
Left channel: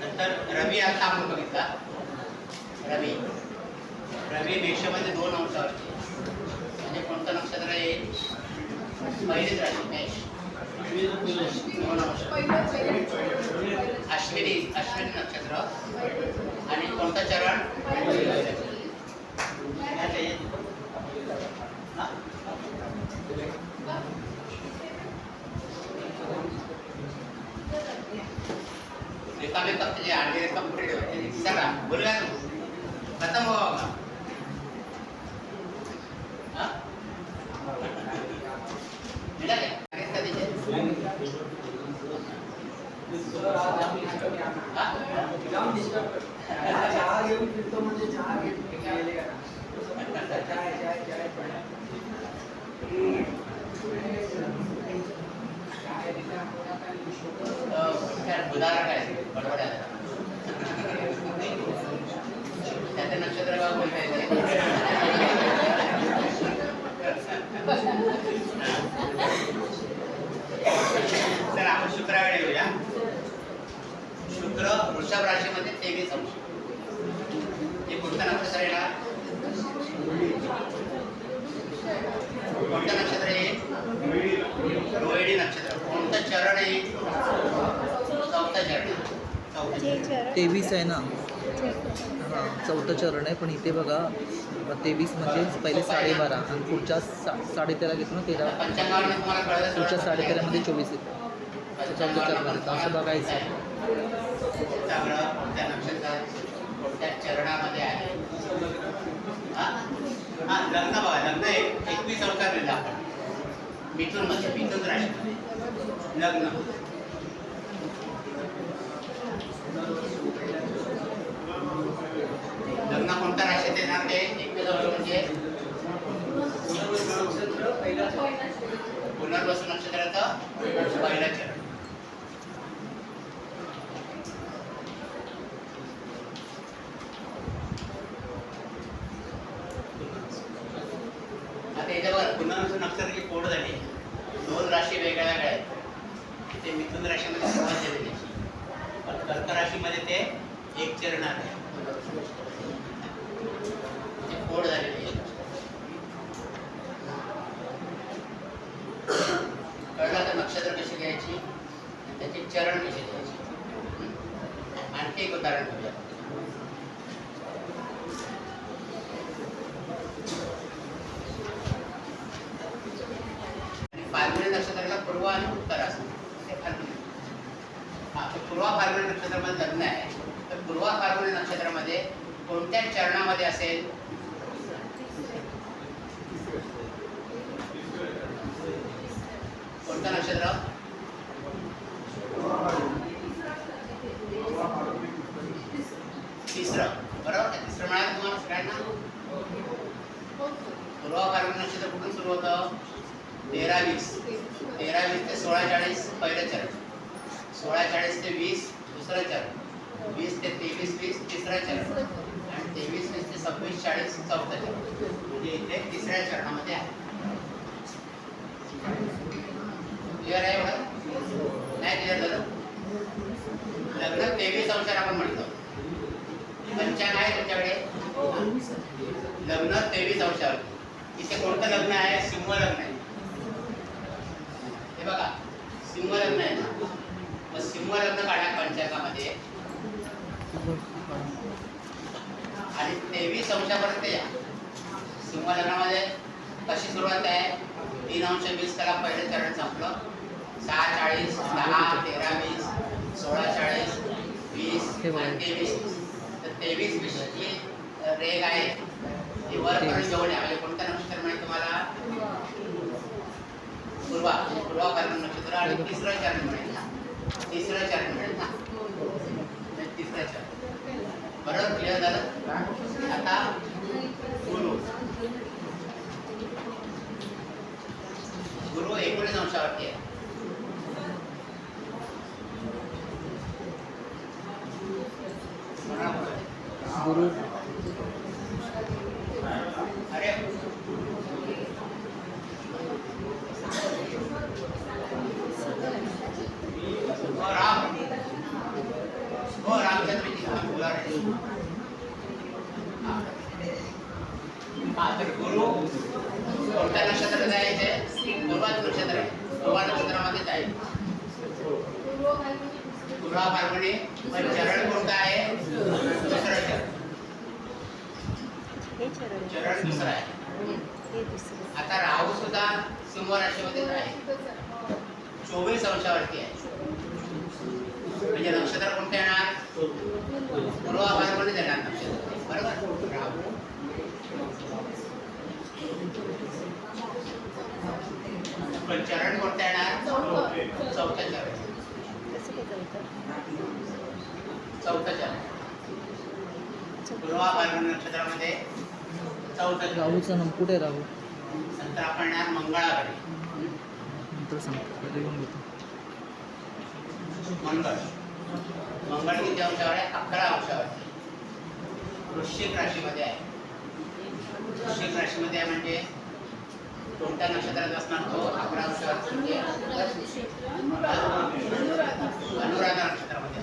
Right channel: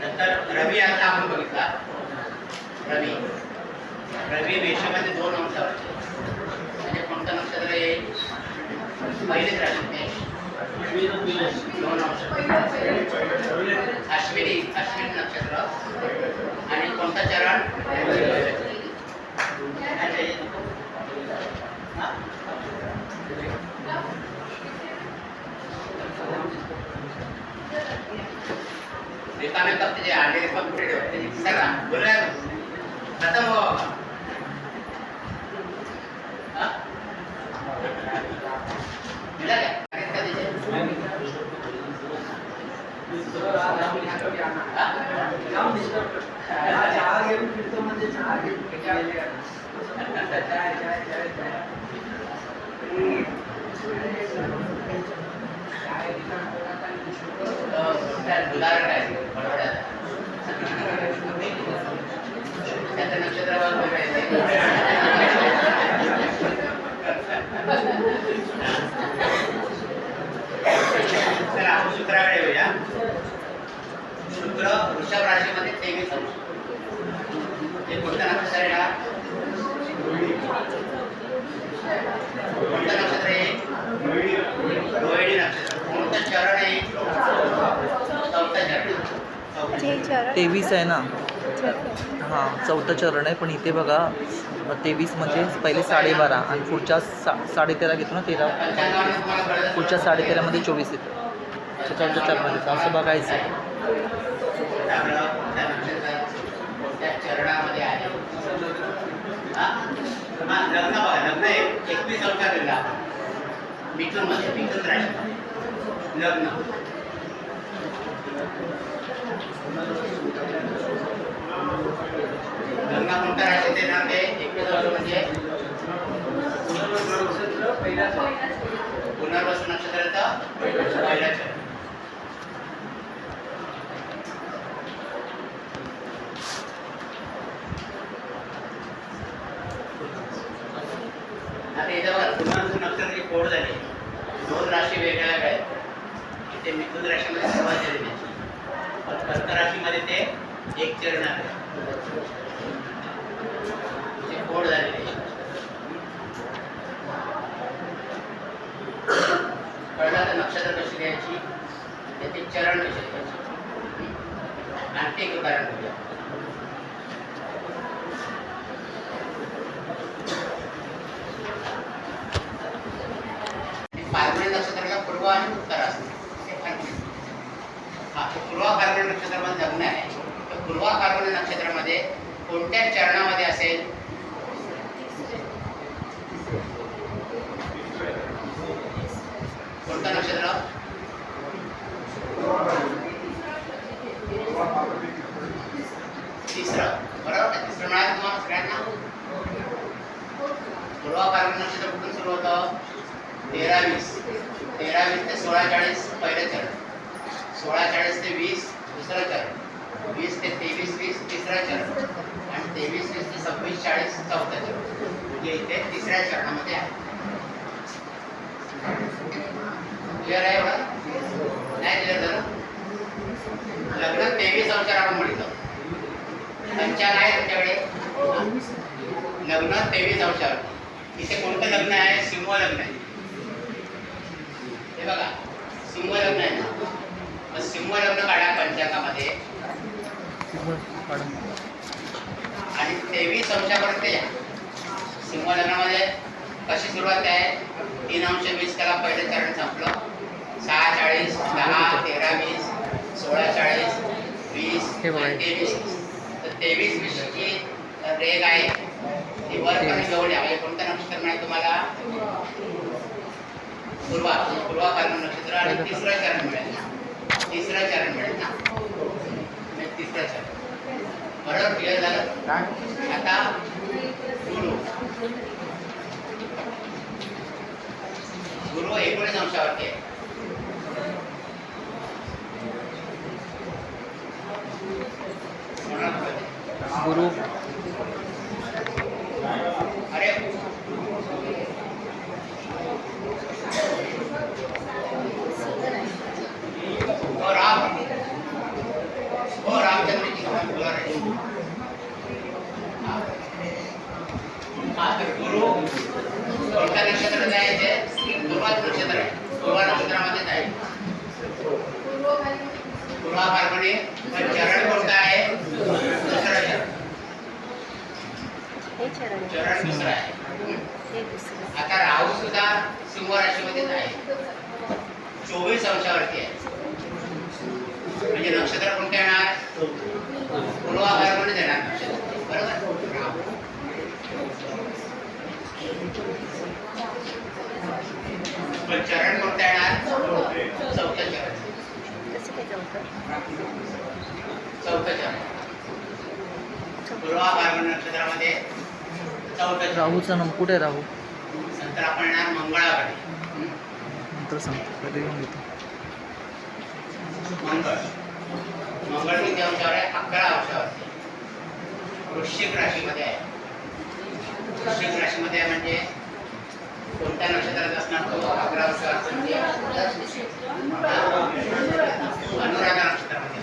नंतर रवी आता आपण बघितला. रवी मेषामध्ये 2 अंशावरती म्हणजे कोणतं नक्षत्र येईल? पहिलीच राशी मेष 2 अंश. अश्विनी नक्षत्र आणि कोणतं चरण? रिकामे फक्त जे आणलेले कम्प्लीट होते चला बोलूया खतम हो बाबा. हा? मिळालं काय? अरे कधी ते? उदाहरण आहे बरोबर आहे. त्याचं नक्षत्र चला आपण शुक्राकडे येऊया. शुक्र वृषभ राशीमध्ये 23 अंश. हे कोणतं नक्षत्र आहे का? कोणतं नक्षत्र आहे? रोहिणी नक्षत्र. कोणतं चरण आहे? चौथं चरण. 23 आहे ना. हां 4थं चरण आहे, पण इथे बघा 23 म्हणजे पहिले 12.5 आणि पुढच्या 13.5 घेतो ना 13 पंचांगाने तुम्हाला कळलं. पुढच्या 13.5मध्ये 24 येतं. त्याच्या 4थ्या चरणात येतं असं बघायचं आहे. आपलं कोणत्या नक्षत्र कोणत्या चरणामध्ये आहे? हा? लग्न बघा. लग्न 21 अंशात लिहिलं आपण. मिथुनमध्ये, मिथुन राशी लग्न. लग्न कोणत्या राशीत येणार ते 21 अंश म्हणजे पुनर्वसू नक्षत्राचं पहिलं चरण. आता याच्यावर पुनर्वसू नक्षत्राची कोड झाली. 2 राशी वेगळ्या वेगळ्या आहेत. ते मिथुन राशीमध्ये सुरुवात झाली त्याची. पण कर्क राशीमध्ये ते एक चरण आहे. ते कोड झालेले आहे. कळलं तर नक्षत्र कशी लिहायची, त्याचे चरण कसे लिहायचे. आणखी एक उदाहरण घेऊया. फाल्गुनी नक्षत्राला पूर्व आणि उत्तर असते. हा पूर्व फाल्गुनी नक्षत्रामध्ये लग्न आहे. तर पूर्व फाल्गुनी नक्षत्रामध्ये कोणत्या चरणामध्ये असेल? कोणतं नक्षत्र? तिसरं. बरोबर का? तिसरं मिळालं तुम्हाला सगळ्यांना. पूर्व फाल्गुनी नक्षत्र कुठून सुरू होतं? 13-20 ते 16-40 पहिलं चरण. 16-40 ते 20 दुसरं चरण. 20 ते 23-20 तिसरं चरण. आणि 23-20 ते 26-40 चौथं चरण. म्हणजे इथे तिसऱ्या चरणामध्ये आहे. क्लिअर आहे एवढं? नाही क्लिअर झालं? लग्न 23 अंशावर आपण म्हणतो. पंचांग आहे तुमच्याकडे. लग्न 23 अंशावर. इथे कोणतं लग्न आहे? सिंह लग्न आहे. हे बघा सिंह लग्न आहे ना. मग सिंह लग्न काढा पंचांगामध्ये आणि 23 अंशापर्यंत या. सिंह लग्नामध्ये कशी सुरुवात आहे? 3 अंश 20 त्याला पहिलं चरण संपलं. 6-40 10 13-20 16-40 20 23-20. तर 23-20 ची रेग आहे ती वरपर्यंत जवळ या. म्हणजे कोणतं नक्षत्र मिळेल तुम्हाला? पूर्वा फाल्गुन नक्षत्र. आणि तिसरं चरण मिळेल ना. तिसरं चरण मिळेल ना. तिसरं चरण. बरोबर क्लिअर झालं? आता गुरु 19 अंशावरती आहे. गुरु अरे रामचंद्र जी का बोला रहे. तर गुरु कोणत्या नक्षत्रात आहे? ते पूर्वा नक्षत्र आहे. पूर्वा नक्षत्रामध्येच आहे. पूर्वा फाल्गुनी. पण चरण कोणतं आहे? दुसरं चरण दुसरं आहे. आता राहू सुद्धा सिंह राशीमध्येच आहे. 24 अंशावरती आहे. म्हणजे नक्षत्र कोणते येणार? चरण कोणतं येणार? चौथं चरण. चौथं चरण पूर्वा फाल्गुन नक्षत्रामध्ये चौथं चरण. राहूचा नंबर कुठे आहे राहू? नंतर आपण येणार मंगळाकडे. नंतर सांगतो, पहिले घेऊन घेतो. मंगळ किती अंशावर आहे? 11 अंशावरती. वृश्चिक राशीमध्ये आहे. वृश्चिक राशीमध्ये आहे म्हणजे कोणत्या नक्षत्रात असणार तो? 11 अंशावर म्हणजे अनुराधा नक्षत्रामध्ये.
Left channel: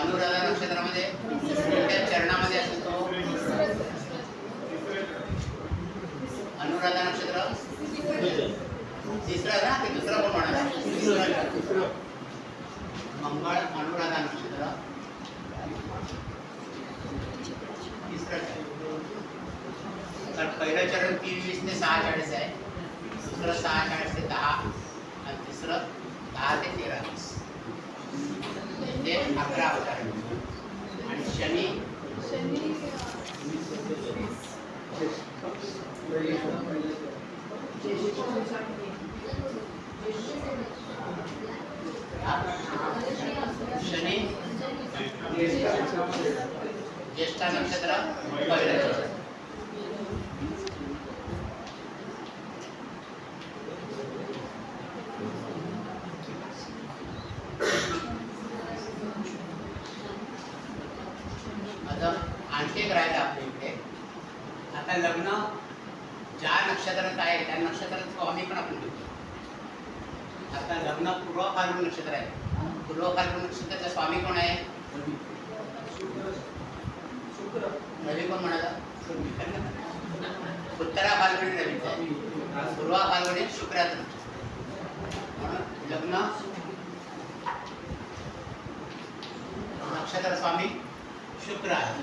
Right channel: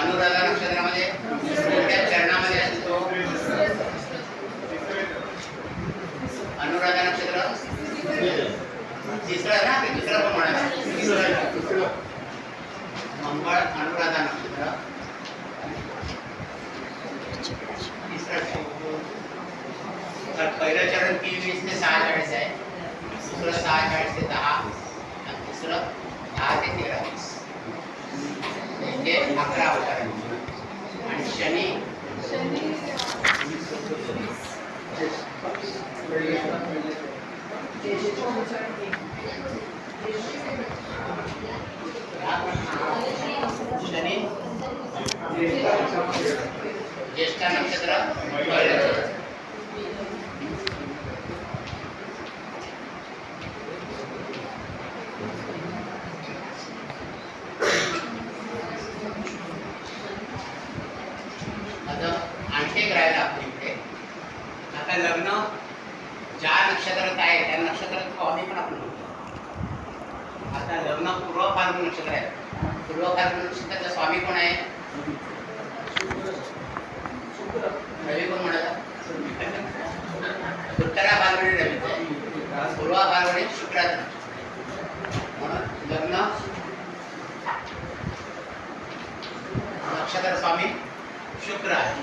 अनुराधा नक्षत्रामध्ये कुठल्या चरणामध्ये असतो तो? अनुराधा नक्षत्र तिसरं ना, ते दुसरं कोण म्हणाला? मंगळ अनुराधा नक्षत्र तिसरं. तर पहिलं चरण 23 ते 46 आहे, दुसरं 46 ते 10 आणि तिसरं 10 ते 13 म्हणजे 11 अवतार. आणि शनी शनी ज्येष्ठा नक्षत्र पहिलं चरण. आता आणखी एक राहिलं आपल्या इकडे. आता लग्न ज्या नक्षत्रात आहे त्या नक्षत्रात स्वामी पण आपण बघतो. आता लग्न पूर्व फाल्गुन नक्षत्र आहे. पूर्व फाल्गुन नक्षत्राचा स्वामी कोण आहे? रवी कोण म्हणाला? उत्तरा फाल्गुनी रवीच आहे. पूर्व फाल्गुनी शुक्राचं नक्षत्र. म्हणून लग्न नक्षत्र स्वामी शुक्र आहे.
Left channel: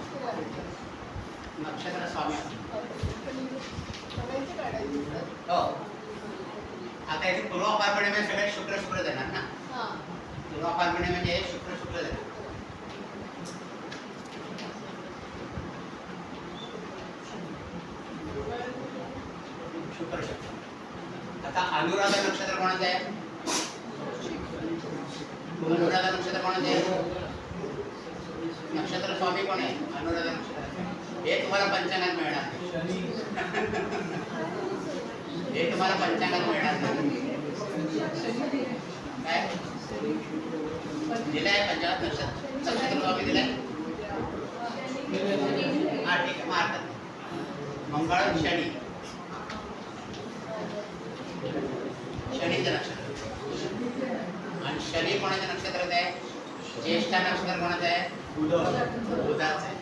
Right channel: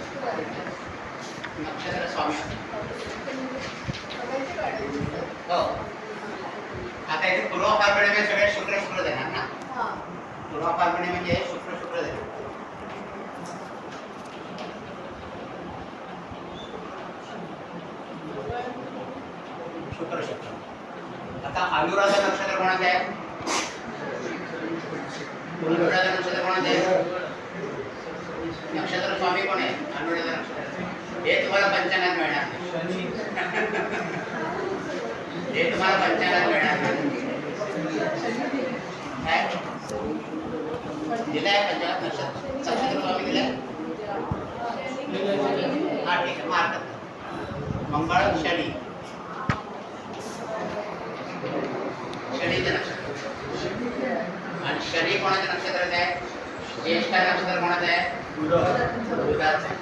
नक्षत्र स्वामी हो. आता इथे पूर्व फाल्गुनी म्हणजे सगळे शुक्र शुक्र देणार ना. पूर्व फाल्गुनी म्हणजे शुक्र शुक्र देणार. शुक्र शुक्र. आता अनुराधा नक्षत्र कोणाचं आहे? अनुराधा नक्षत्र कोणाचं आहे? नक्षत्र स्वामी कोण आहे? अनुराधा नक्षत्र. हे तुम्हाला पंचांगात मिळणार नाही. हे तुम्हाला पंचांगात मिळणार नाही. काय दिलाय पंचांगात? नक्षत्र स्वामी दिलाय? हा ठीक आहे, मारतात. मंगळ शनी, शनीचं नक्षत्र. आणि शनी कोणाच्या नक्षत्रात आहे? ज्येष्ठा नक्षत्र कोणाचं आहे? बुधाचं आहे.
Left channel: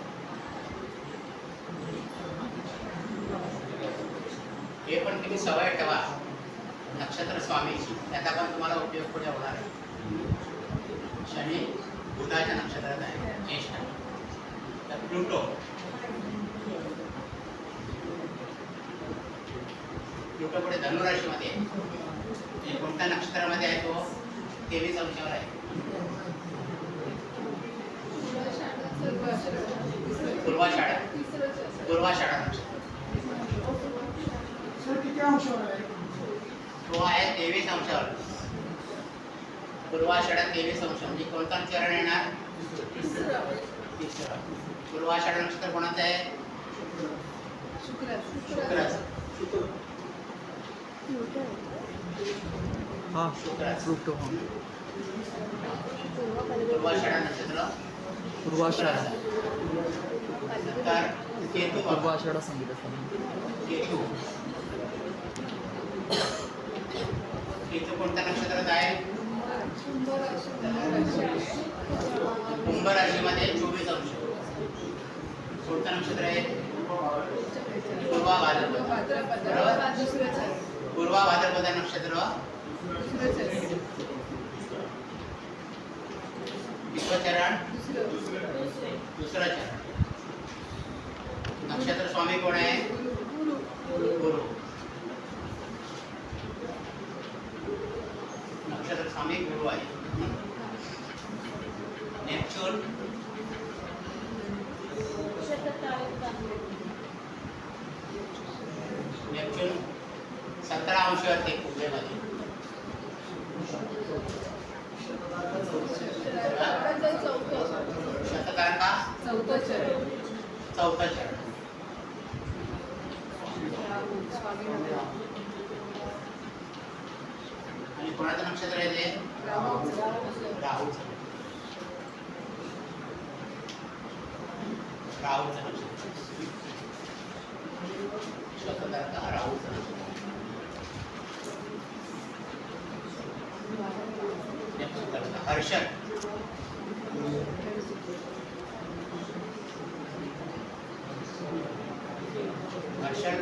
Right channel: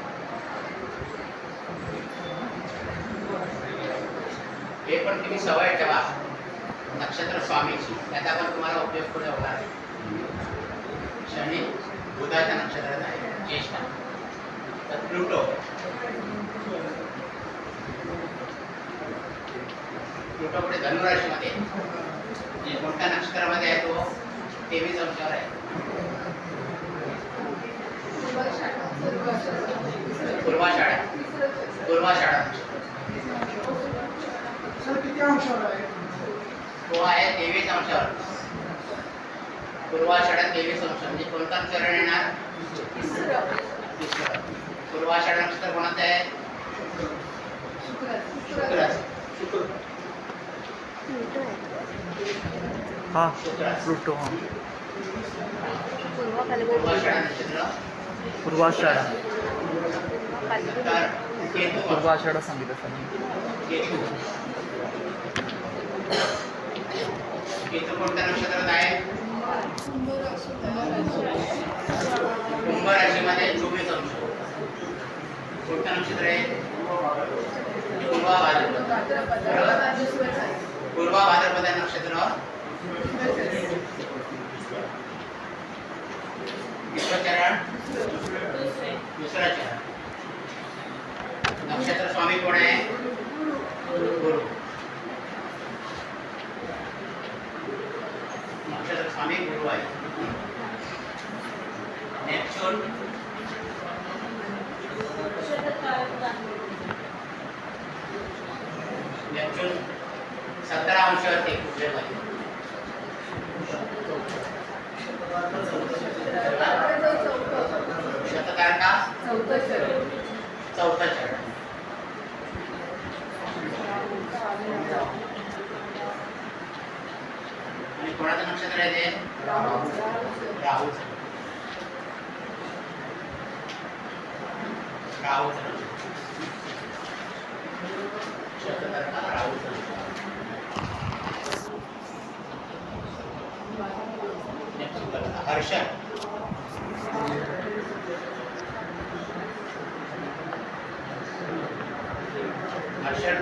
हे पण तुम्ही सवय ठेवा नक्षत्र स्वामीची, त्याचा पण तुम्हाला उपयोग पुढे होणार आहे. शनी बुधाच्या नक्षत्रात आहे, ज्येष्ठा. तर प्लुटो पुढे धनुराशीमध्ये आहे. कोणत्या नक्षत्रामध्ये आहे तो? 23 अंशावर आहे. पूर्वाषाढा. पूर्वाषाढा नक्षत्र तो आहे 23 अंशावर. पूर्वाषाढा 23 अंश म्हणजे कोणता चरण येणार? तिसरं. पूर्वाषाढा नक्षत्र कोणाचं आहे? शुक्राचं. हा प्लुटो. हा पूर्वाषाढा नक्षत्र. पूर्वाषाढा. तर केतू. पूर्वाषाढा सांगितलं सर. केतू. केतू कोणत्या नक्षत्रात आहे? कुंभ राशीमध्ये 24 अंश. कोणतं नक्षत्र आहे? पूर्वा भाद्रपद. पूर्वा भाद्रपद नक्षत्र. तिसरं चरण. दुसरं चरण. नक्षत्र स्वामी कोण आहे? गुरु. नक्षत्र स्वामी गुरु आहे. नेपच्यून. नेपच्यून 17 अंशावरती पूजेमध्ये. शतधारण का चौथा चरण. आणि कोणाचं नक्षत्र आहे ते? राहूचं. राहूचं नक्षत्र. शतधारका राहूचं नक्षत्र. हर्षद. हर्षद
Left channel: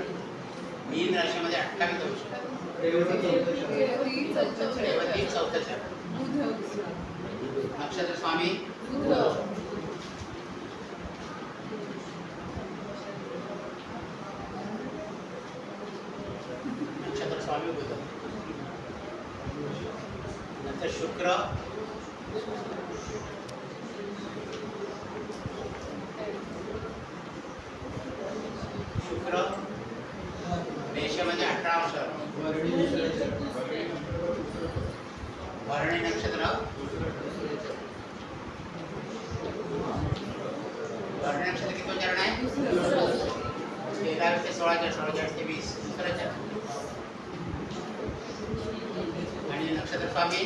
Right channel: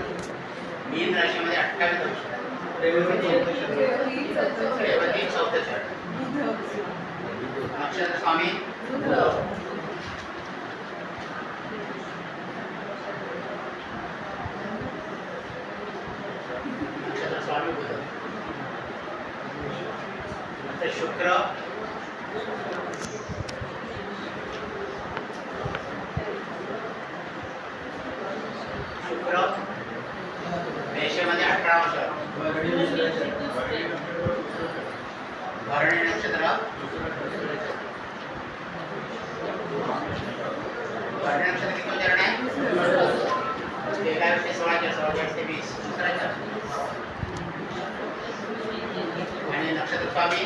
मीन राशीमध्ये 28 वर्ष. रेवती चौथं चरण. नक्षत्र स्वामी नक्षत्र स्वामी बुध. नंतर शुक्र मेषमध्ये 18 वर्ष. भरणी नक्षत्र. भरणी नक्षत्र किती चरण आहे? 13 ते 16 16 ते 20 दुसरं चरण. आणि नक्षत्र स्वामी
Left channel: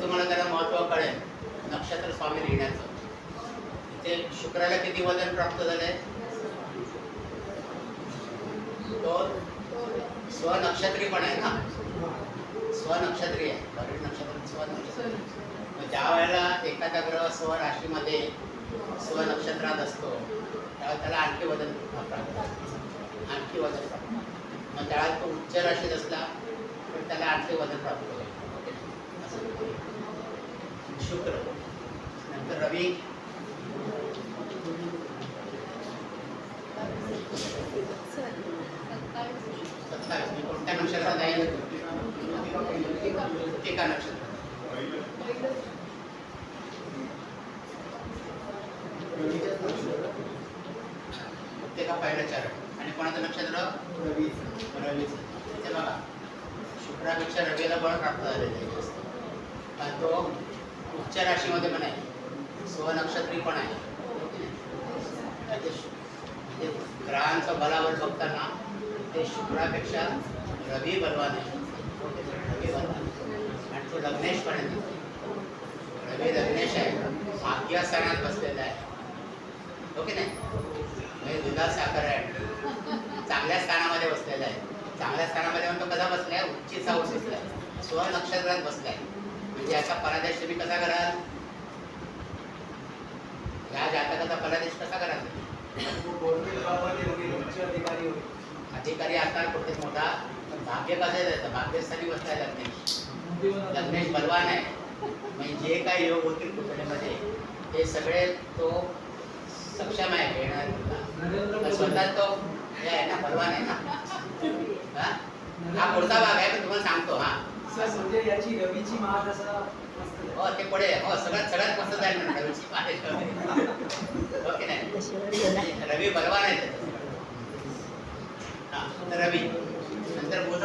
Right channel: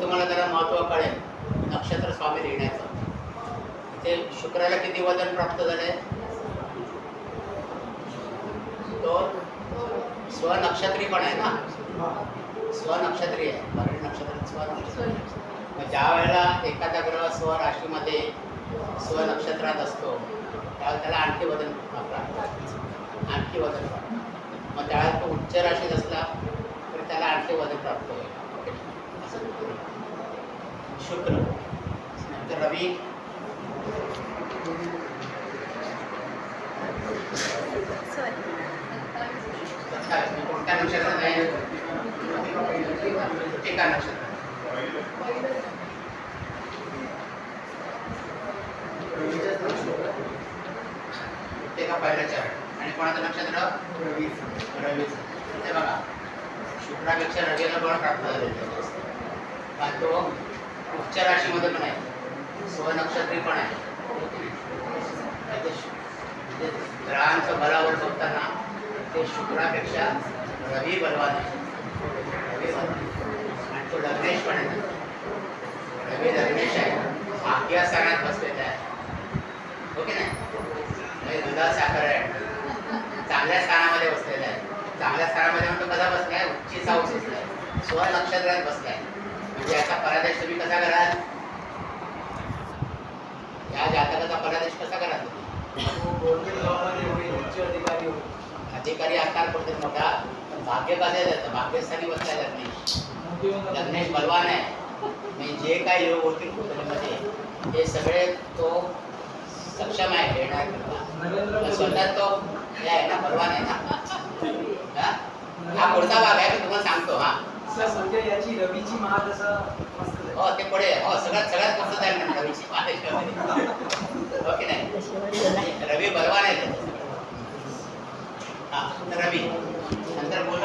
तुम्हाला जरा महत्व कळेल नक्षत्र स्वामी लिहिण्याचं. इथे शुक्राला किती वजन प्राप्त झाले? तो स्वनक्षत्री पण आहे ना, स्वनक्षत्री आहे. भरणी नक्षत्र स्वनक्षत्री. मग ज्या वेळेला एखादा ग्रह स्वराशीमध्ये स्वनक्षत्रात असतो त्यावेळेला त्याला आणखी वजन प्राप्त, आणखी वजन प्राप्त. मग त्यावेळेला तो उच्च राशीत असला तर त्याला आणखी वजन प्राप्त होईल. शुक्र. नंतर रवी. कोणत्या नक्षत्रात आहे? टीका नक्षत्र. ते का पहिलं चरण. आणि कोणाचं नक्षत्र? रवीचं. हे बघा शुक्रापेक्षा रवीला बळ प्राप्त झालेलं आहे. कारण तो उच्च राशीमध्ये पण आहे, स्वनक्षत्री पण आहे. ग्रहांचं बलावर बघताना ते शुक्रापेक्षा रवी बलवान आहे. रवी बलवान आणि तो लग्नेश पण आहे. रवी लग्नेश आहे, आज्ञा स्थानात बसलेला आहे. ओके नाही, दुधा साखर आहे, चांगल्या स्थानामध्ये बसलेला आहे. चांगल्या स्थानामध्ये म्हणतो कसा बसलाय? उच्चीचा बसलाय, स्वनक्षत्रात बसलाय. म्हणजे याचा परादेश तुम्ही कसा कराल? या जातकाचा परादेश कसा कराल? अधिकारी असणार कुठे मोठा, पण भाग्य कसं जातं? भाग्यस्थानी बसलाय लग्नेश. लग्नेश बलवान आहे. म्हणजे जे काही योग होतील कुटुंबामध्ये ते सगळे तो सक्षम आहे घेणार करता. स्वतः तो हे आहे ना, बलवान आहे ना. हा पुढचा भाग आहे, मी तुम्हाला सांगतो. हा म्हणजे याची रवीची महादशा. हो ते पुढे. हो सगळ्यात मस्त जाईल ना रवीची महादशा. ओके नाही, रवी बलवान आहे त्याचं. हा रवी. नंतर बुध.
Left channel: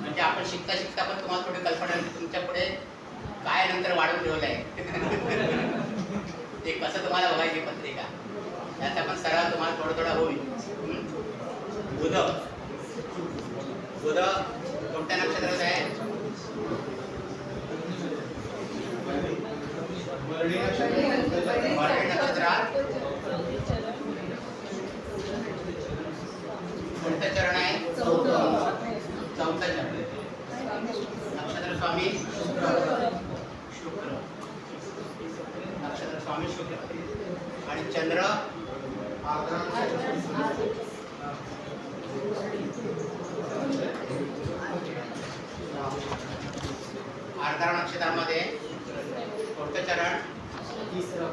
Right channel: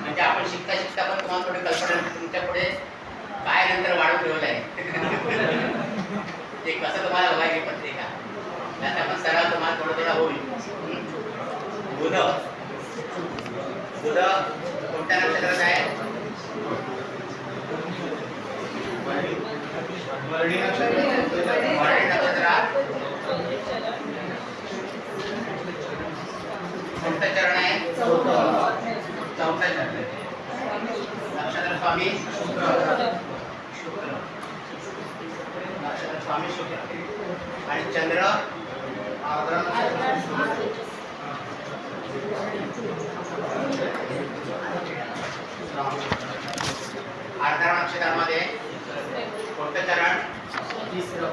म्हणजे आपण शिकता शिकता पण तुम्हाला थोडी कल्पना तुमच्या पुढे काय नंतर वाढून ठेवलं आहे ते कसं तुम्हाला बघायची पत्रिका. त्याचा पण सराव तुम्हाला थोडा होईल. बुध. बुध कोणत्या नक्षत्रात आहे? भरणी नक्षत्रात. कोणतं चरण आहे? चौथं चरण. नक्षत्र स्वामी शुक्र. नक्षत्र स्वामी शुक्र. आणि चंद्र आर्द्रा नक्षत्रामध्ये कोणतं चरण? तिसरं.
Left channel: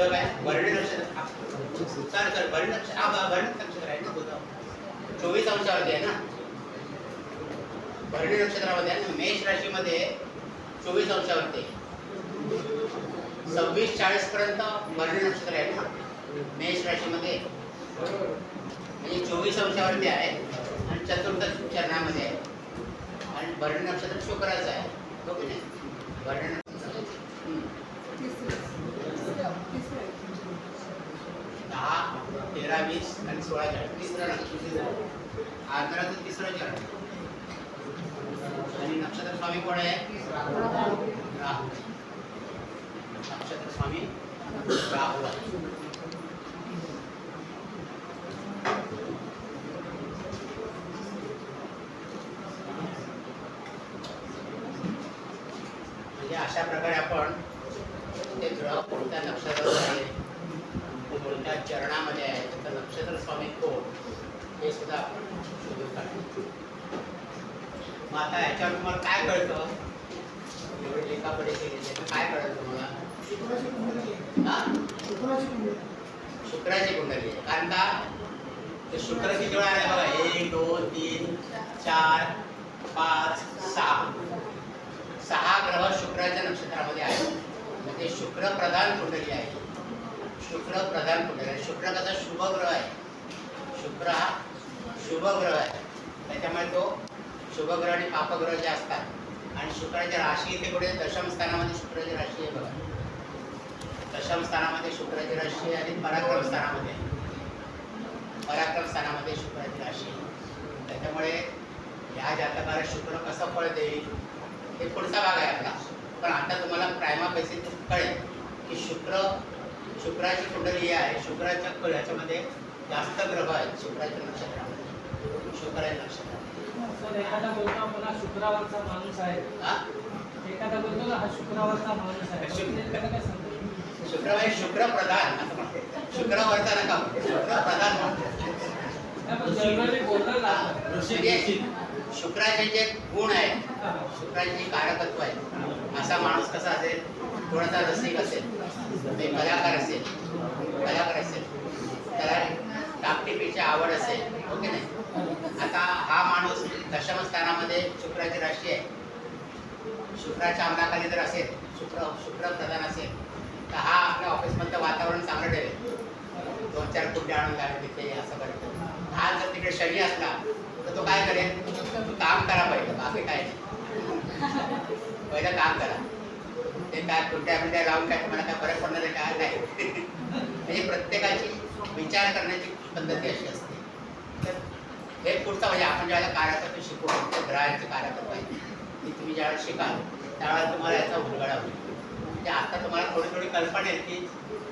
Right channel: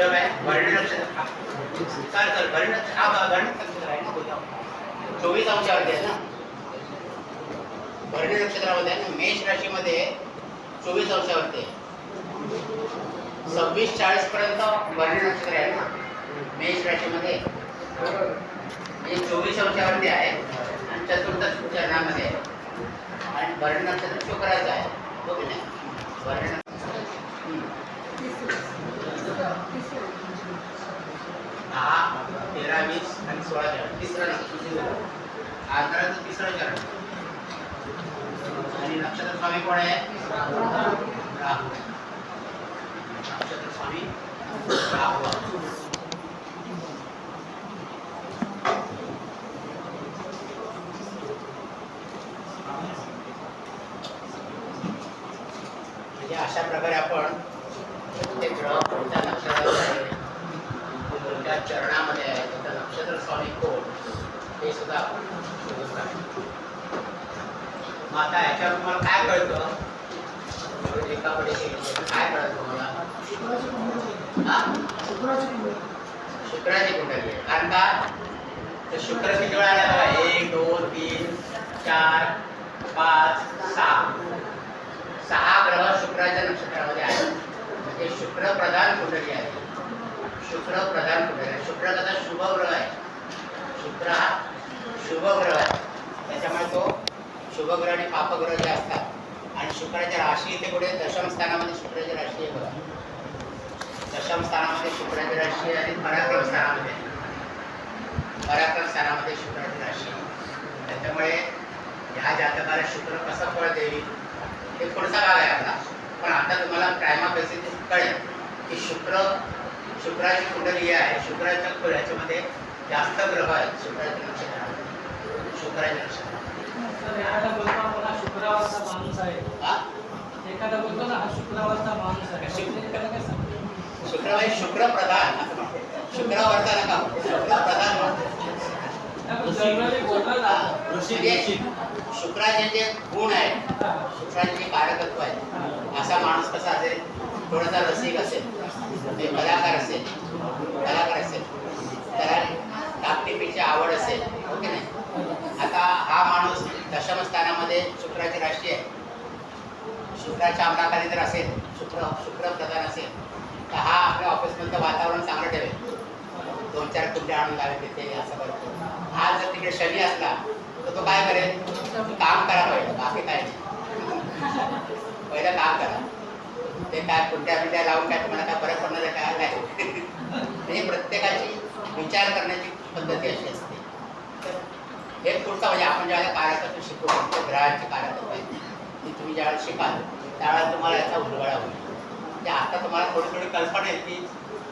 बुध काय भरणी नक्षत्र चल भरणी नक्षत्र हा भरणी नक्षत्र आहे ना बुध 24 अंशावरती आहे ना भरणी नक्षत्रामध्ये आहे ना मेष राशीमध्ये 24 अंशावरती आहे 26-40 पर्यंत भरणी नक्षत्र आहे ना मेष राशीमध्ये म्हणजे 24 अंशावरती आहे आणि चतुर्दश चरणामध्ये आहे आणि भरणी नक्षत्र शुक्राचं आहे हो की नाही भरणी नक्षत्र 10, 13, 20 आणि 16 चरण आंध्राचं तिसरं चरण आणि नक्षत्र स्वामी कोण आहे राहू नक्षत्र स्वामी राहू म्हणजे अशा प्रकारे आपण ते ग्रह कोणत्या नक्षत्रात आहे कोणत्या चरणामध्ये आहे त्याचं नक्षत्र स्वामी कोण हे सुद्धा आपण शोधून काढतो मग आता याच्यावर तुम्हाला काय कळतं एका कडे काय कळत तुम्हाला शुक्राची कुंडली आहे कारण का तर शुक्र किती वेळा आला बघा 1 2 3 4 5 6 ग्रह शुक्राच्या नक्षत्रामध्ये आहेत म्हणजे शुक्र प्रधान कुंडली आहे शुक्र प्रधान कुंडली आहे शुक्र कसा शुभ ग्रह आहे शुक्र हा शुभ ग्रह आहे त्याच्यामुळे तो शुभग्रह आणि पापग्रह जे असतात आणि शुक्राची राशी इथे पुढे दशम स्थानामध्ये शुक्राची राशी आहे बघा दशम स्थानामध्ये शुक्राची राशी आणि पराक्रम स्थानामध्ये शुक्राची राशी त्याच्यामुळे ह्या जातकाला शुक्र कसं फळ देईल हे पुढचा भाग आहे आपला पण आता तुम्हाला प्रायमापेक्षा कळेल की शुक्राची कुंडली आहे शुक्राच्या ह्याच्यामध्ये जास्त ग्रह आहेत शुक्राच्या नक्षत्रामध्ये एखादा बोलतो मला शुक्रावरचा माणूस आहे एखादा बोलतो ना हा शुक्रावरचा माणूस आहे शुक्र म्हणजे शुक्र प्रधान असं म्हणते शुक्रावरचा नका शुक्र प्रधान म्हणते शुक्राचे जे गुण आहेत शुक्राचे कारकत्व आहेत असा माणूस कसा असेल थोडासा रसिक असेल कलाकार असेल त्याला टापटिपीची आवड असेल ओके नाही आता हा माणूस दशम स्थानामध्ये शुक्राची राशी आहे शुक्राच्या अंमलाखाली जर असेल शुक्र प्रधान असेल तर हा आपल्या ऑफिसमधलं वातावरण चांगलं ठेवेल 2-4 कुंड्या आणून लावेल तिथे असं करतो हा जर तिकडे शनी असला तर तो काय करेल काम करा पहिलं बाकी काय नाही पहिलं काम करा ते काय कुंड्या लावून काय तुम्हाला काय फरक पडणार आहे काय नाही म्हणजे प्रत्येकाची विचार करण्याची पद्धती अशी असते तर हे पुढचं म्हणजे आपण ज्यावेळेला कारकत्व शिकू त्या ग्रहांची कारकत्व आहे ती तुम्ही ज्यावेळेला शिकाल त्यावेळेला तुम्हाला याचा उलगडा होईल म्हणजे आता तुम्हाला थोडी कल्पना येईल की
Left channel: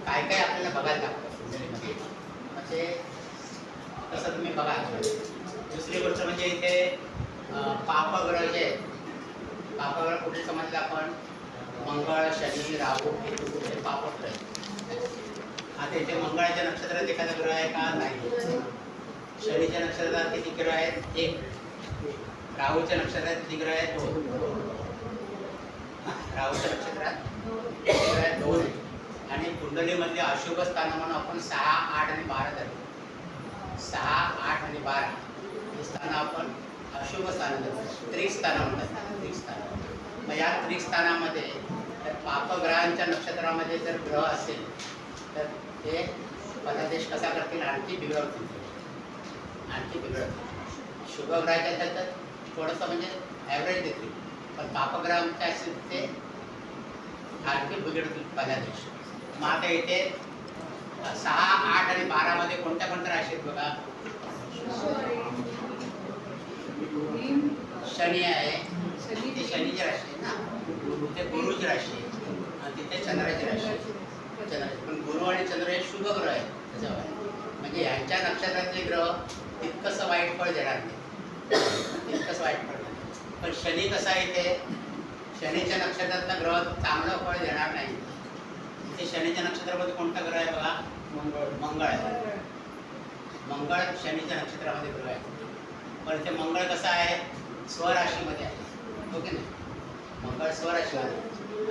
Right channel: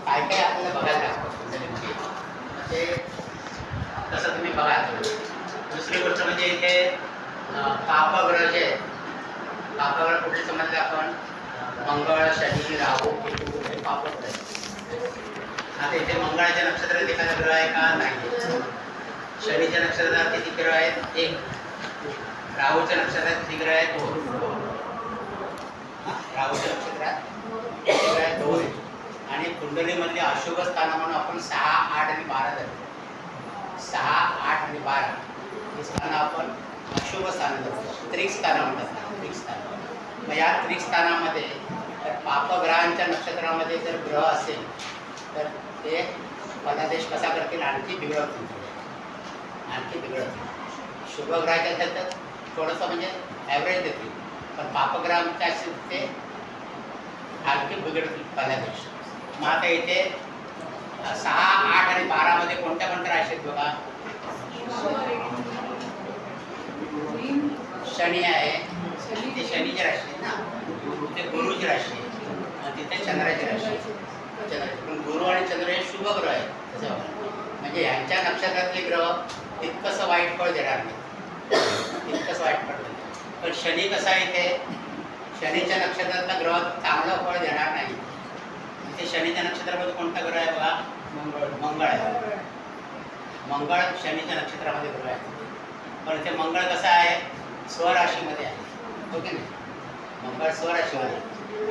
काय काय आपल्याला बघायला लागतं म्हणजे तसं तुम्ही बघाल दुसरी गोष्ट म्हणजे इथे पापग्रह जे पापग्रह कुठे समजले आपण मंगळ शनी राहू केतू हे पापग्रह आहे आता इथे मंगळाच्या नक्षत्रात एखादा ग्रह आहे का नाही शनीच्या नक्षत्रात किती ग्रह आहेत 1 राहूच्या नक्षत्रात किती ग्रह आहेत 2 राहूच्या नक्षत्रात किती ग्रह आहेत 2 आणि कुंडलीमधली अशुभ स्थान म्हणून आपण 6, 8 आणि 12 धरतो 6, 8 आणि 12 ही स्थानं आपण अशुभ स्थानं धरतो त्रिकस्थानं म्हणतात त्रिकस्थान मग या त्रिकस्थानामध्ये तर पापग्रहांच्या नक्षत्रामध्ये जर ग्रह असेल तर ते फलादेश कसा करतील आणखी बिघडवतील शुभग्रहाच्या त्याच्यात थोडंसं म्हणजे ॲव्हरेज देतील पण पापग्रहांच्या असेल ते आणखी बिघडतील फलादेश मग आता इथे 6, 8 आणि 12 मध्ये कोणत्या राशी आहेत बघा शनी आहे ते शनीची राशी आहे ना ते गुरुची राशी आहे तिथे चंद्राची राशी आहे पण गुरु आणि चंद्र हे शुभ ग्रह आहे त्याच्यावर म्हणजे यांच्या नक्षत्रातले ग्रह तितकंसं वाईट फळ देणार नाही तितकंच वाईट फळ देणार पण शनी कसा आहे इथे शनीच्या नक्षत्रातला ग्रह चांगलं फळ देणार नाही इथे शनीच्या नक्षत्रामध्ये कोणता ग्रह आहे बघा मंगळ आहे मंगळ शनीच्या नक्षत्रामध्ये ग्रह आहे पण इथे मंगळ कसा आहे स्वराशीमध्ये आहे ओके नाही मंगळ स्वराशीमध्ये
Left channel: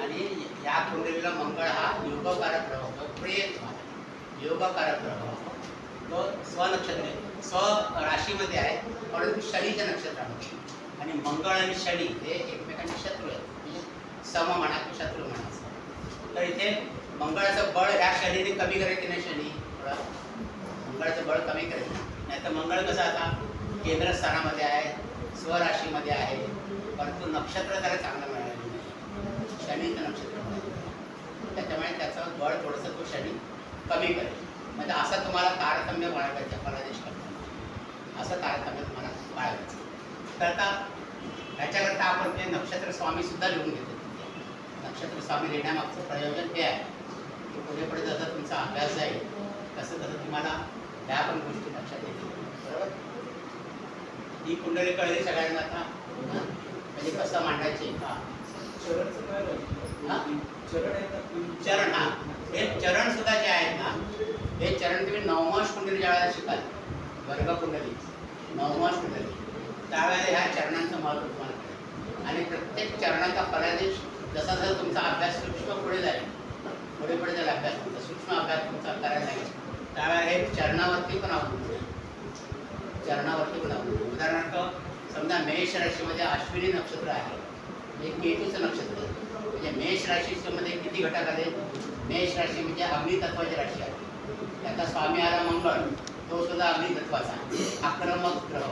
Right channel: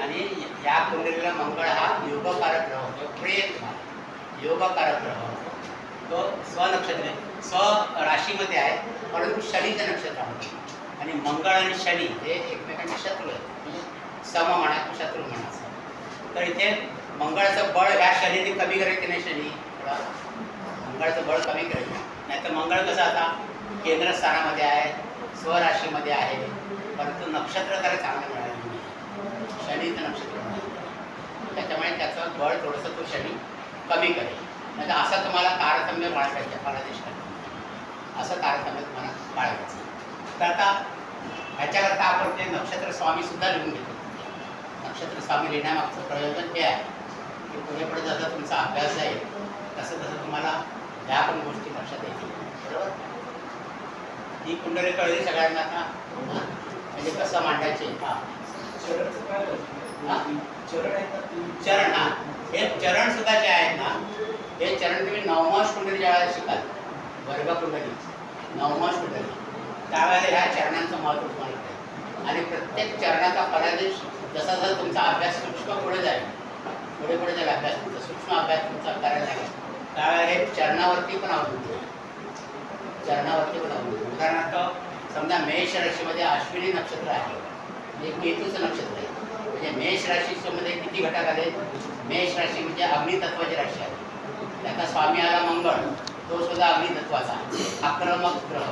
आणि या कुंडलीला मंगळ हा योगकारक ग्रह होतो, प्रिय तुम्हाला योगकारक ग्रह होतो. तो स्वनक्षत्र आहे, स्व राशीमध्ये आहे, परंतु शनीच्या नक्षत्रामध्ये. आणि मंगळ आणि शनी हे एकमेकांचे शत्रू आहेत, म्हणजे सम म्हणा शत्रू म्हणा. तर इथे मंगळाचं बळ ह्या शनीने कमी करेल की नाही, शनी थोडा मंगळाचं बळ कमी करेल. नाही तर मंगळ कसं आता केंद्रस्थानामध्ये आहे, स्वराशीमध्ये आहे, परंतु नक्षत्र त्याला चांगलं मिळालं नाही, शनीचं नक्षत्र मिळालं, त्याच्यामुळे त्याचं बळ थोडंसं तो शनी कमी करेल. म्हणजे असं तुम्हाला तारतम्य बाळगायचं, फलादेश करतो असं तारतम्य तुम्हाला बाळगायचं. तर आता ह्याच्याकरता आपण ते नक्षत्र स्वामीसुद्धा लिहून घेतो. नक्षत्र स्वामी लिहिण्यामागचं प्रयोजन हे आहे की पुढे पुढे जसं तुमचा अभ्यास जाईल तसं तसं तुम्हाला ह्या पण गोष्टी लक्षात येतील. बरोबर, ही कुंडली कळली सगळ्यांना का? म्हणजे कसं मांडायचे. चरण, हा हे चरण सुद्धा जे आहेत ना, हे चरण तुम्ही नवमांश कुंडली ज्यावेळेला शिकाल, वर्ग कुंडली नवमांश कुंडली, त्यावेळेला ह्या चरणांचं महत्त्व तुम्हाला कळेल. आणि प्रत्येक चरणाचा फलादेश जसा जसा तुमचा अभ्यास सूक्ष्म पुढे जाईल, पुढे पुढे जाईल अभ्यास तुमचा, सूक्ष्म अभ्यास तुमचा करायला लागेल, त्यावेळेला हे चरणावरती पण अवलंबून, चरणावरती पण अवलंबून. उदाहरणार्थ समजा मेष राशीमध्ये अश्विनी नक्षत्र आहे, म्हणजे केतूचं नक्षत्र आहे. म्हणजे मेष राशीमध्ये किती घटक आले? मेष राशी म्हणजे अग्नितत्वाची राशी आहे, त्याचा स्वामी आला मंगळ, तो सुद्धा अग्नितत्वाचा आक्रमक ग्रह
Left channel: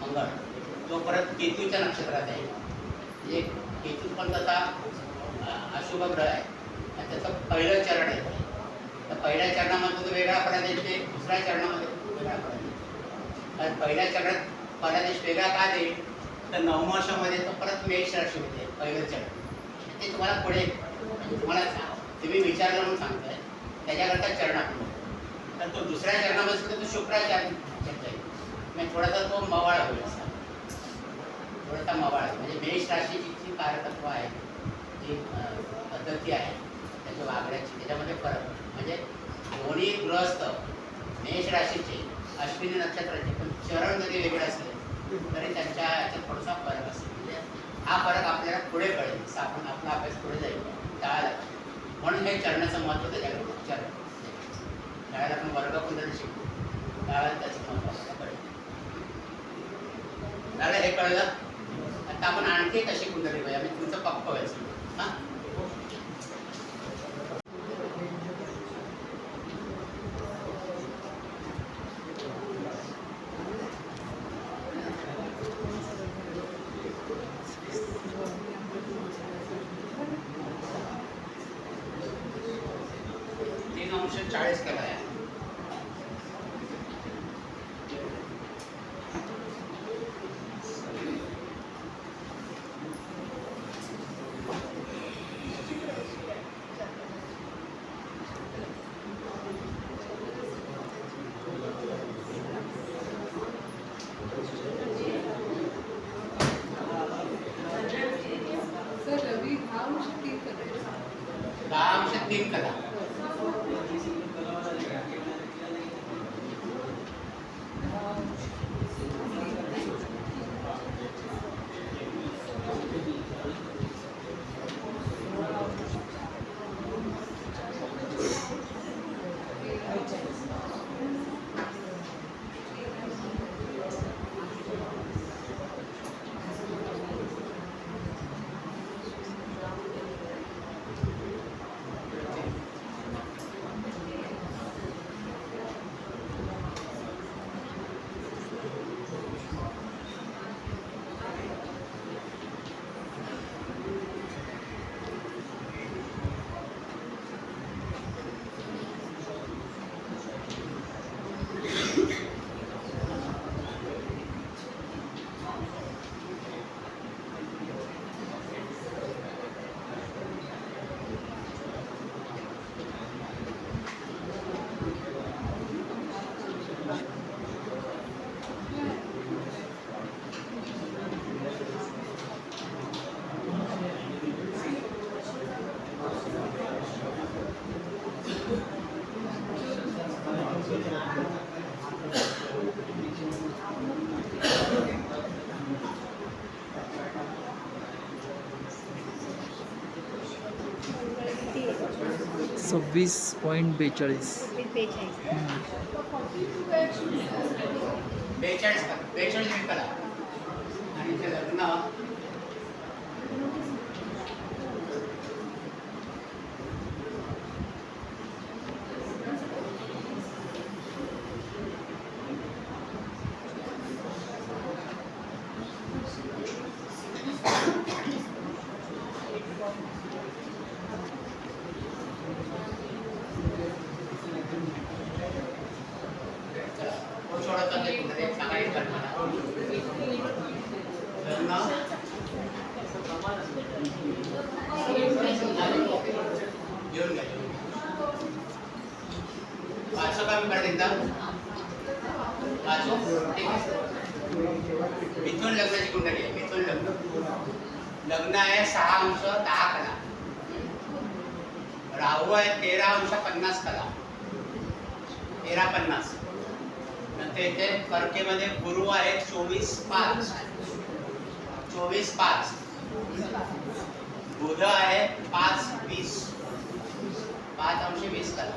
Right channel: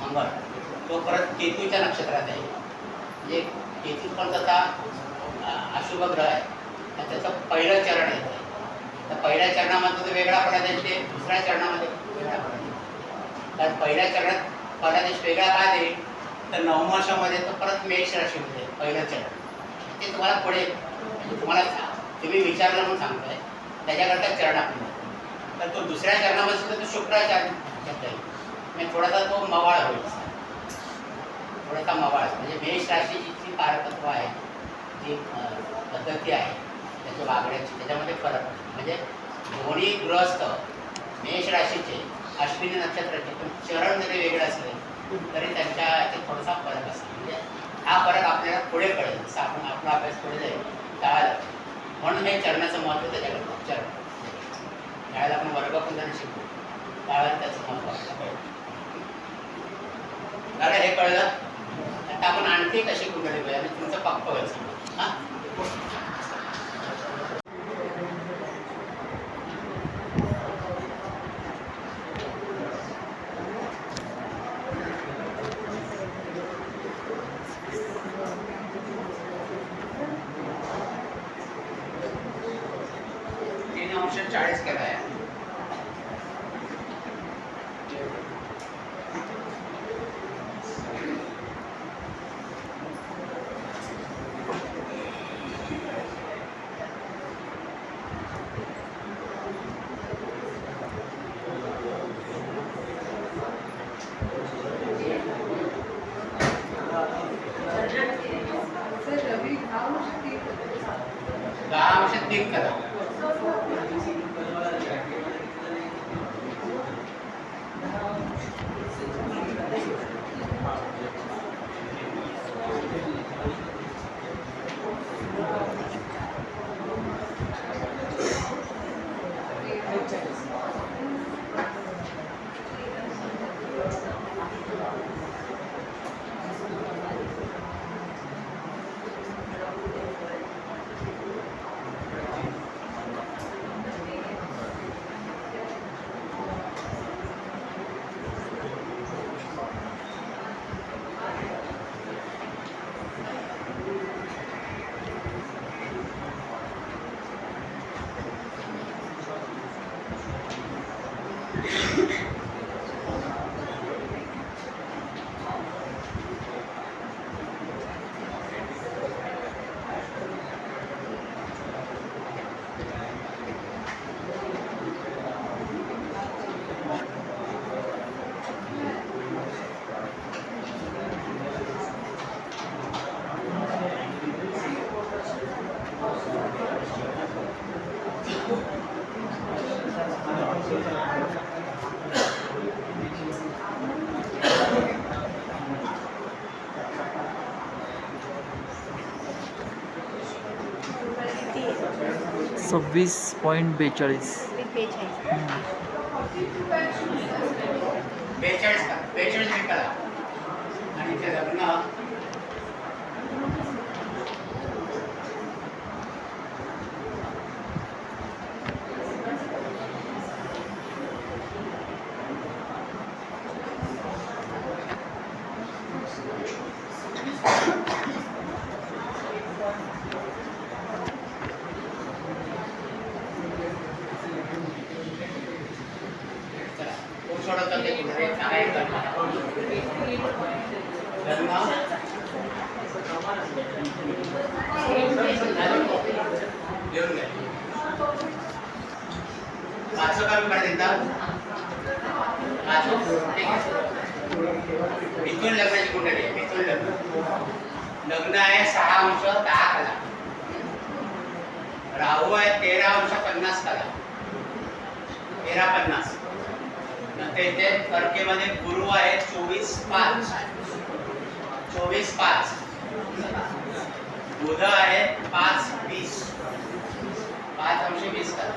मंगळ, तो परत केतूच्या नक्षत्रात आहे. म्हणजे केतू पण त्याचा अशुभ ग्रह आहे आणि त्याचं पहिलं चरण आहे. तर पहिल्या चरणामध्ये तो वेगळा फलादेश देईल, दुसऱ्या चरणामध्ये वेगळा फलादेश. तर पहिल्या चरणात फलादेश वेगळा का देईल? तर नवमाशामध्ये तो परत मेष राशीमध्ये पहिलं चरण, ते तुम्हाला पुढे म्हणजे तुम्हाला तुम्ही विचारलं म्हणून सांगतोय त्याच्याकरता चरण आपलं. तर तो दुसऱ्या चरणामध्ये सुद्धा तो शुक्राचार शब्द येईल, म्हणजे थोडासा तो मवाळ होईल, थोडासा मवाळ. म्हणजे मेष राशीची जी कारकत्व आहे, जी पद्धती आहे त्याच्या वागण्याची, त्याच्यामध्ये फरक. म्हणजे दोन्ही गृहस्थ मेष राशीचे अश्विनी नक्षत्राचे पण चरण जरी वेगळे असले तरी त्यांच्या याच्यात थोडासा फरक असतो. म्हणजे हा फरक आपल्याला पुढे कळेल, जसं आपण आपला अभ्यास पुढे जाईल त्यावेळेला. म्हणून हे चरणाचं महत्त्व त्याच्याकडे चरण. त्यावेळेला आपण वर्गकुंडली शिकू त्यावेळेला त्याचं महत्त्व आपल्याला कळेल. दादा हे कळलं? आता आपण आणखी कशी कुंडली पाहिजे आणि तुमचं पक्क व्हायचं. हां, -3 40 करा आहे. रवी 10 करा. 26.42. 42 मी करा आणि ते लग्न सोडवतात ते कुठे सांगायचं घेऊन घ्या 500 कमी कर देता 500 ठीक आहे मिथुन लग्नाची कुंडली आहे मिथुन लग्न आहे 6 अंश 10 कला राहू आहे 13 अंश 50 कला 13-50 नंतर इथे कर्केमध्ये गुरु आहे 24-5 बुध आहे 5-20 5 अंश 20 कला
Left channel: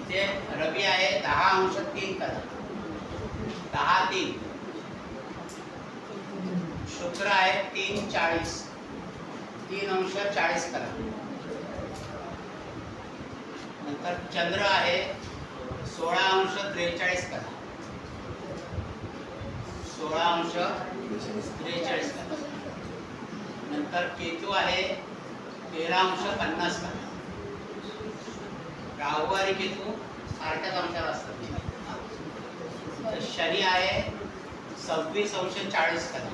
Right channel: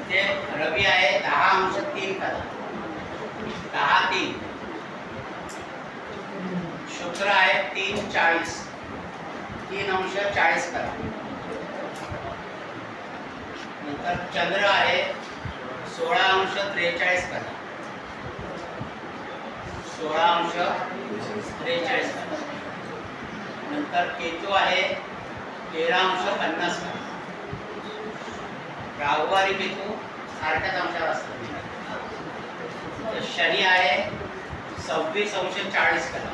इथे रवी आहे 10 अंश 3 कला 10-3 शुक्र आहे 3-40 3 अंश 40 कला नंतर चंद्र आहे 16 अंश 43 कला 16 अंश 43 कला नंतर केतू आहे 13 अंश 50 कला राहू आणि केतू सारख्याच अंशावर असतात शनी आहे 26 अंश 40 कला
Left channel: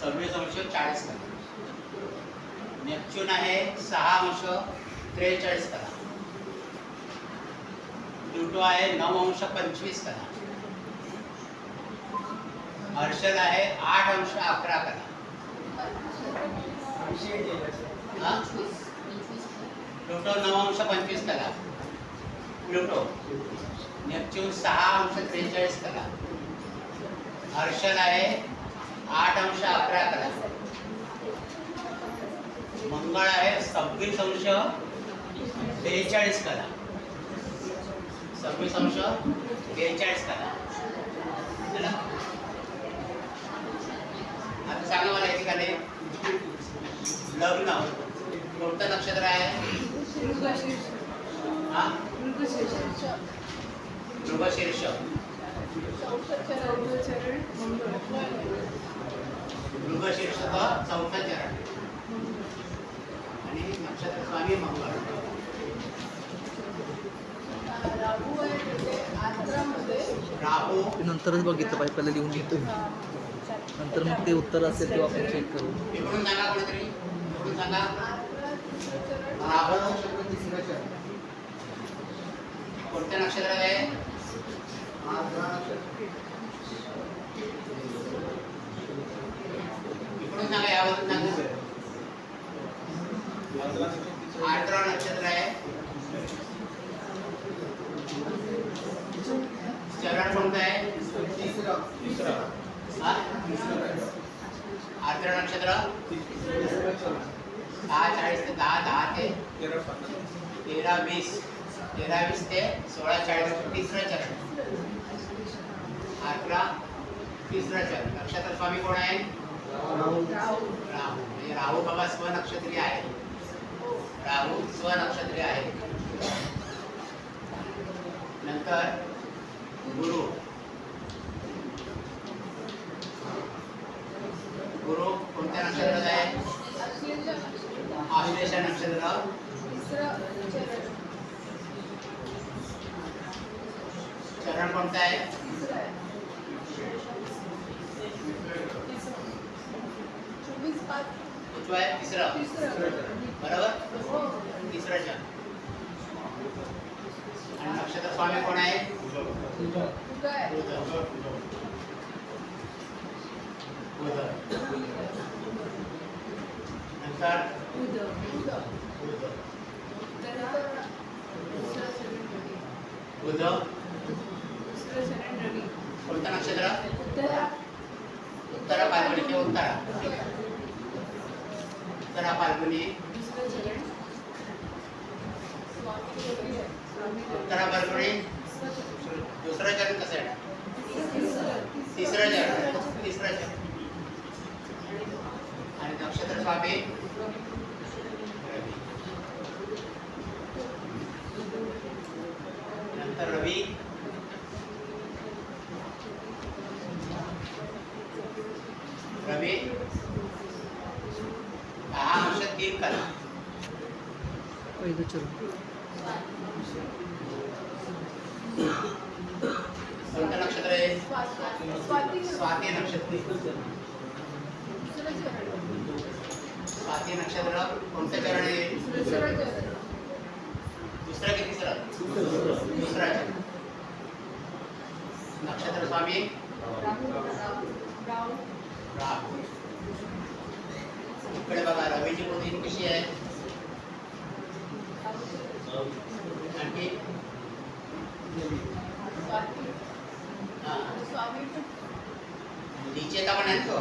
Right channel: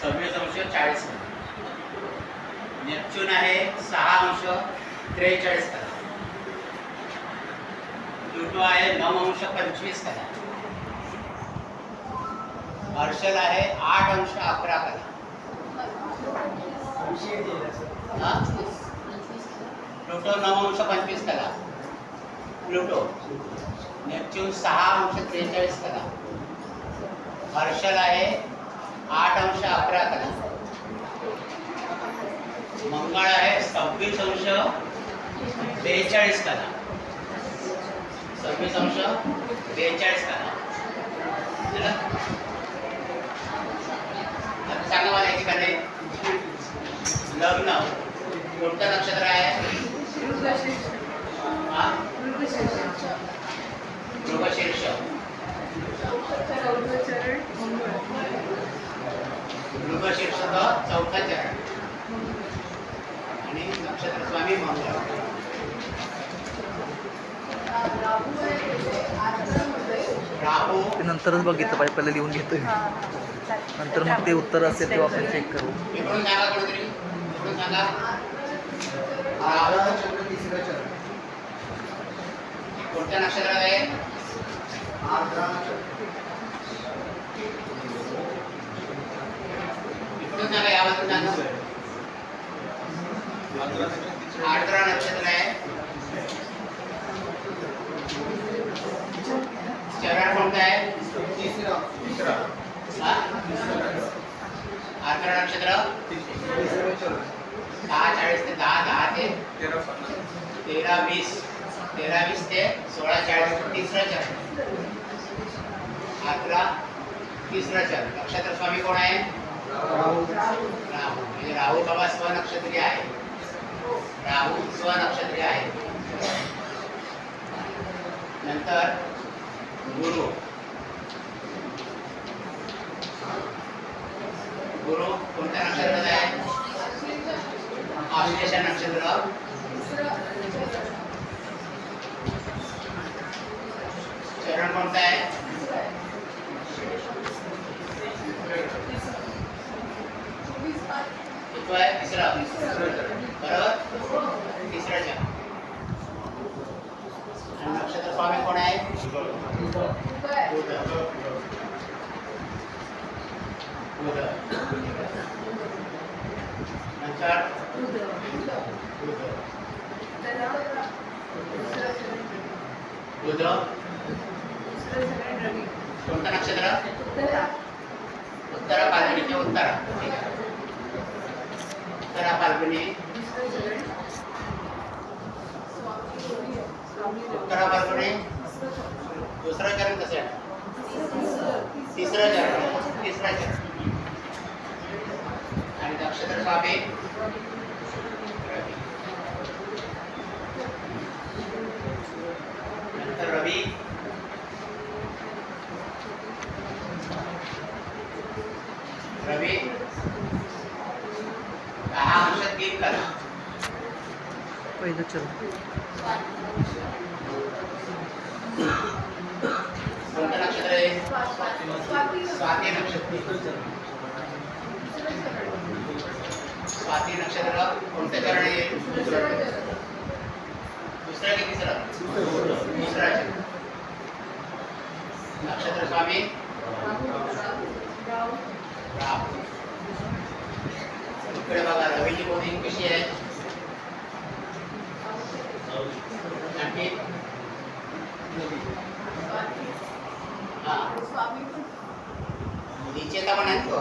26 अंश 40 कला नेपच्यून आहे 6 अंश 43 कला प्लुटो आहे 9 अंश 25 कला हर्षल आहे 8 अंश 11 कला प्लुटो 9 अंश 25 कला प्लुटो नेपच्यून 6 अंश 43 कला हर्षल आहे 8 अंश 11 कला मंगळ आहे 26 अंश 42 कला 26 अंश 42 कला आता सांगा मला या ठिकाणी लग्न कोणतं नक्षत्र आहे मृगशीर्ष मृगशीर्षचा 4था चरण आणि नक्षत्र स्वामी मंगळ राहू ते नंतरच बघितलं पाहिजे पहिले लिहून घेतोय नंतर मग ते उत्तर असेल तेव्हा आपण चेक करू इकडून सांगा कुठेतरी इकडून सांगा राहू कोणत्या नक्षत्रात आहे इकडून सांगा यावरून सांगा आर्द्रा नक्षत्र आहे चरण कोणतं आहे आर्द्रा नक्षत्र 10:40 ते 10:10 ते 13:20 ते 16:40 तिसरं चरण आर्द्रा तिसरं चरण नक्षत्र स्वामी कोण आहे राहू म्हणजे राहू बाबा स्वनक्षत्री आहे राहू स्वनक्षत्री आहे नंतर गुरु कोणत्या नक्षत्रात आहे आश्लेषा नक्षत्र चरण कोणतं आहे तिसरा बरोबर तिसरा चरण आणि नक्षत्र स्वामी कोण आहे नंतर बुध कोणतं नक्षत्र उत्तरा पालवीचे उत्तरा उत्तरा फाल्गुनी उत्तरा फाल्गुनी दुसरं चरण कसं आहे तिसरं चरण आणि नक्षत्र स्वामी नंतर रवी रवी 10 अंशात 3 कला पहिलं चरण कोणतं नक्षत्र आहे स्वाती नक्षत्र स्वाती नक्षत्र कोणतं चरण आहे दुसरं की तिसरं दुसरं चरण नक्षत्र स्वामी राहू इकडे बघा रवीची पोझिशन कशी आहे आणखी निश्चयता पण आहे तो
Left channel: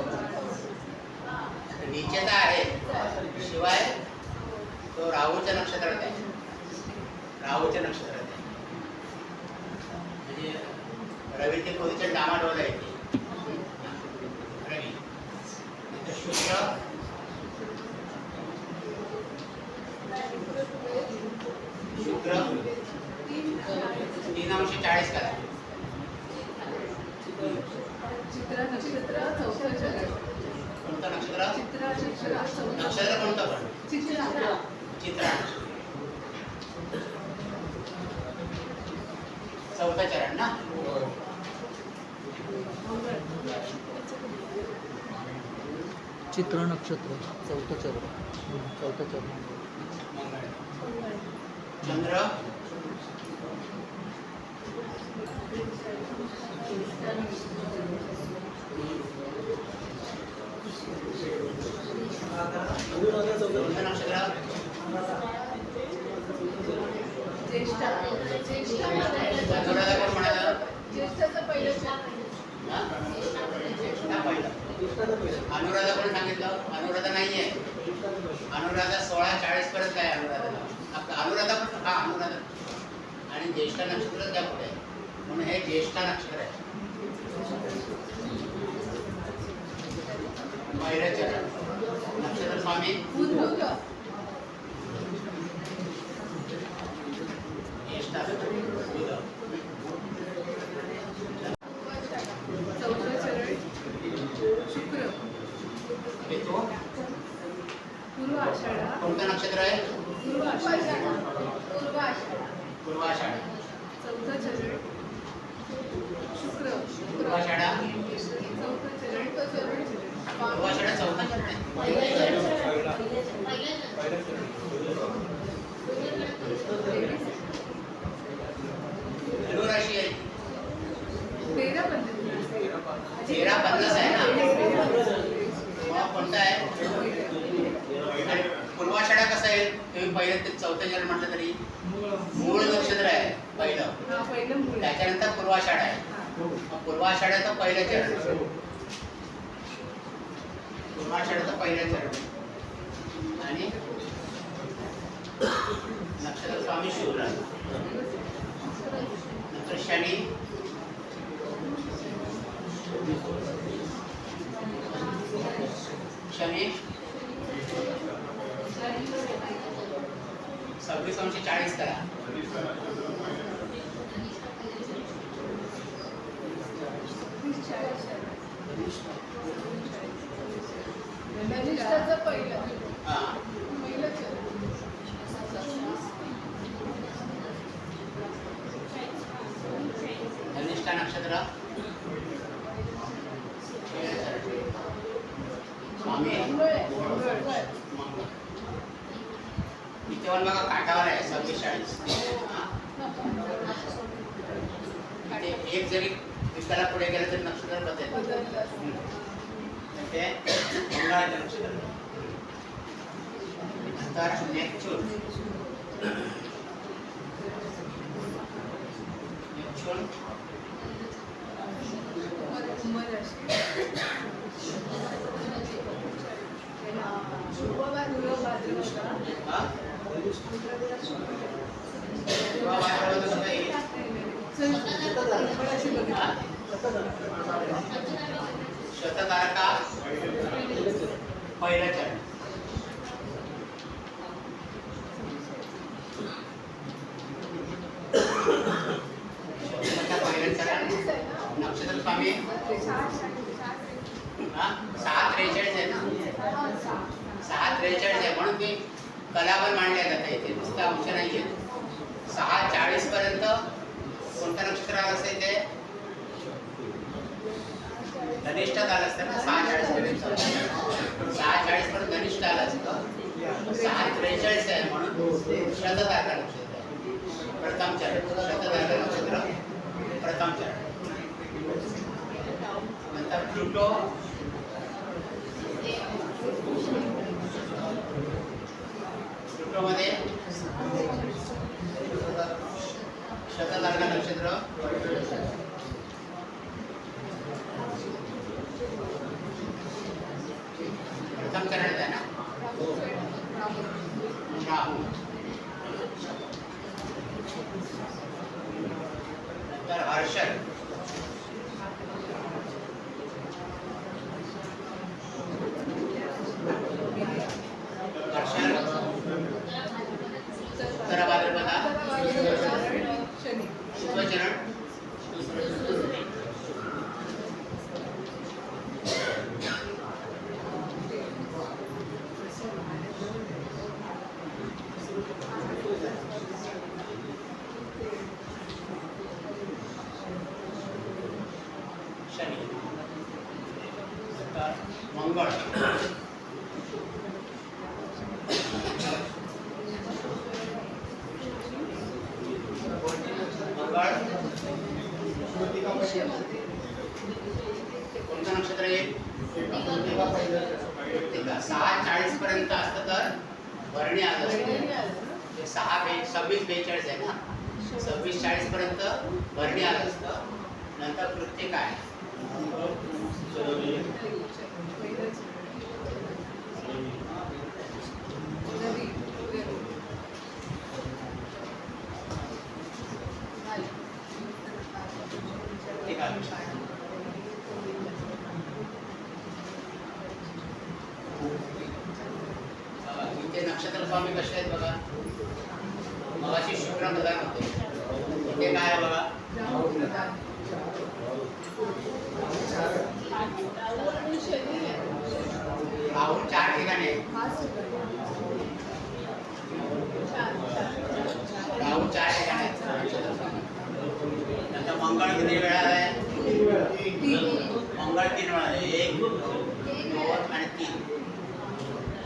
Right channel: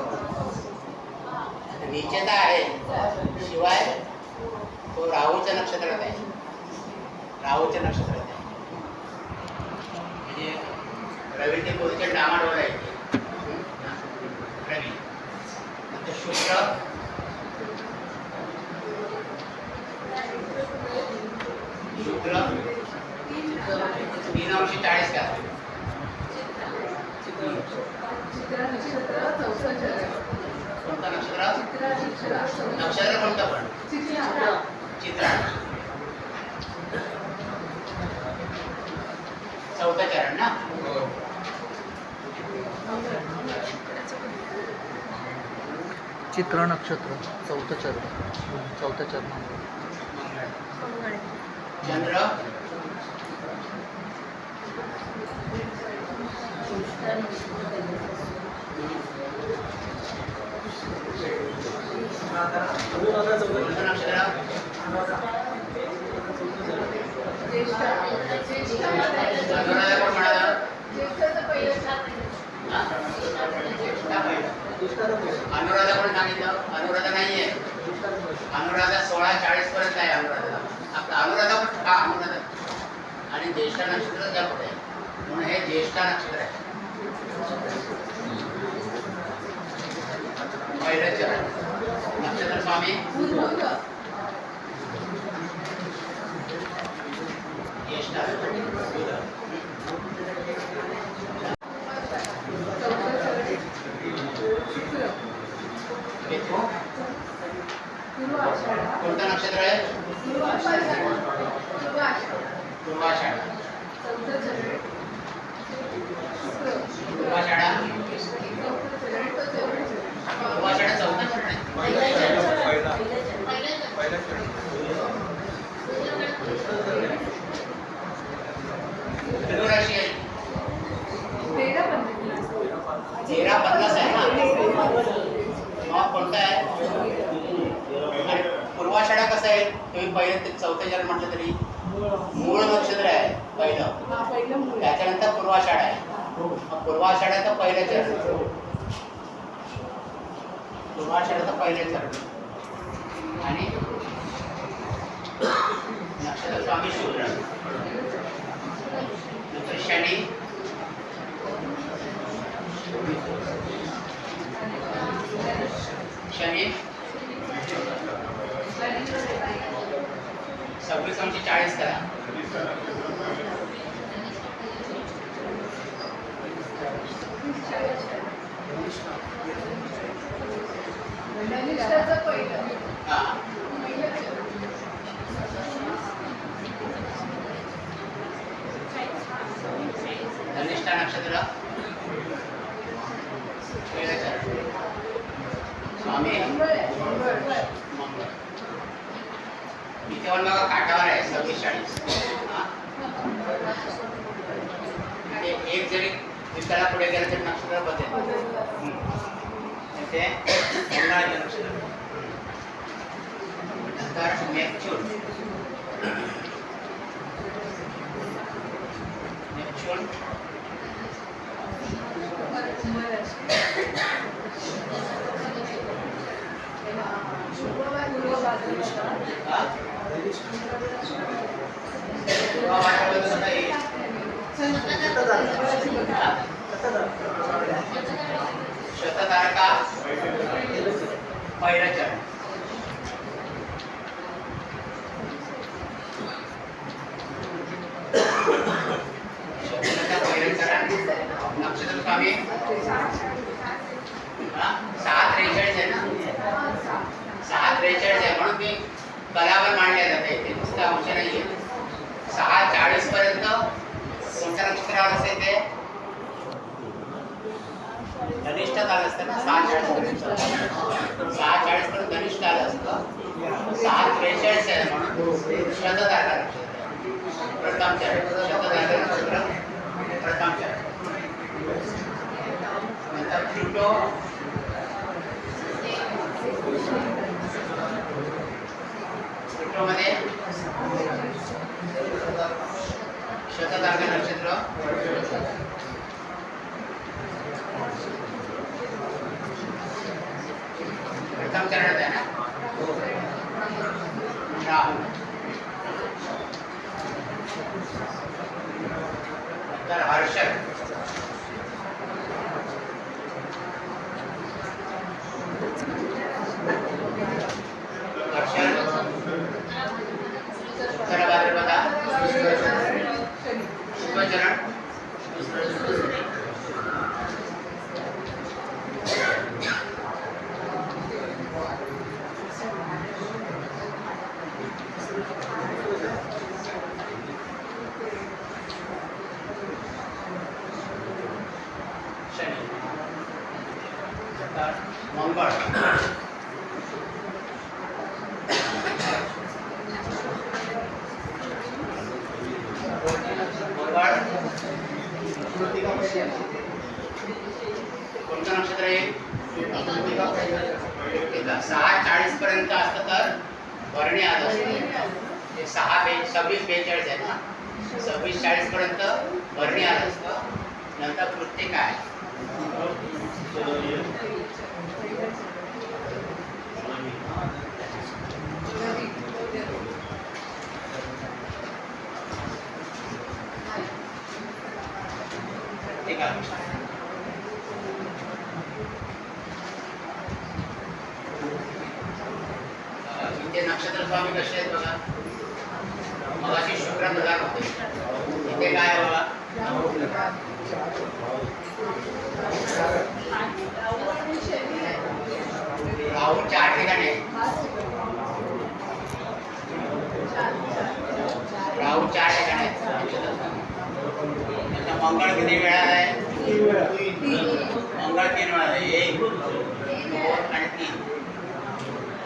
निश्चयता आहे शिवाय तो राहूच्या नक्षत्रात आहे राहूच्या नक्षत्रात आहे म्हणजे रवीचे पोझिशन डामाडोल आहे रवी नंतर शुक्र शुक्र 3 अंश 40 करा कोणतं नक्षत्र नक्षत्र कोणतं पण चित्रा चौथं चरण ना चित्र नक्षत्र चौथं चरण चंद्र अनुराधा कोण सांगितलं अनुराधा नाहीये अनुराधा 16:40 पर्यंत आहे अनुराधा पण हा अनुराधा आणि ज्येष्ठ नक्षत्र त्या पुढे म्हणून हे ज्येष्ठ नक्षत्र आहे पहिलं चरण नक्षत्र स्वामी ज्येष्ठ कोणतं नक्षत्र आहे पूर्वाषाढा पूर्वाषाढा चौथं चरण धनुराशी आहे 13:50 आहे ना मग कोणता आहे आणि पूर्वाषाढा कसं आहे तुम्ही पहिलं ते चौथं चरण म्हटलं तरी मूळ नक्षत्र आहे पहिलं त्याच्यानंतर पूर्वाषाढा आहे मग पूर्वाषाढ्याचं पहिलं चरण पूर्वाषाढ्याचं पहिलं चरण आणि नक्षत्र स्वामी शुक्र नंतर शनी शनी 26:40 करा धनिष्ठा नक्षत्र स्वामी इथे पण बघा काठावर आहे 26:40 एक जरी दिवसाला पुढे गेलं तर नक्षत्र बदलेल ते मंगळाचे नक्षत्र नंतर नेपच्यून हा? पूर्व भाद्रपद नाही. हा? शततारका पहिला चरण. शततारका पहिलं चरण. नक्षत्र स्वामी हा 6:43 आहे ना. 6:43 आहे म्हणून ते कलावर मांडल्या जाते. ते नुसतं अंश नाहीये. 6:40 पर्यंत कोणत्या नक्षत्रावर असेल ते धनिष्ठ काल असतं ना. 6:40 पर्यंत 6:40 पर्यंत धनिष्ठ काल असतं. 6:43 आहे म्हणून शततारका नक्षत्र प्रथम चरण. शततारका नक्षत्र प्रथम चरण. नंतर प्लुटो प्लुटोमध्ये शततारका नक्षत्र प्रथम चरणात आहे ना. राहू नंतर हर्षद उत्तर भाद्रपदा शुभचरण शनी. मंगळ कोणतं नक्षत्र आहे. 6:40 पर्यंत असतं तर भरणी आलं असतं. 26:42 आहे ना. 26:40 पर्यंत भरणी आलं असतं. नंतर कृत्य काय ठीक आहे. इथे नक्षत्र स्वामी कसे आहेत बघा. मगाशी शुक्र प्रधान होते. इथे काय आहे बघा. राहू 4 ठिकाणी आहे. राहू 4 ठिकाणी आहेत नक्षत्र स्वामी. नंतर मंगळ किती वेळा आहे. मंगळ 3 वेळा आहे. 1 2 आणि 3.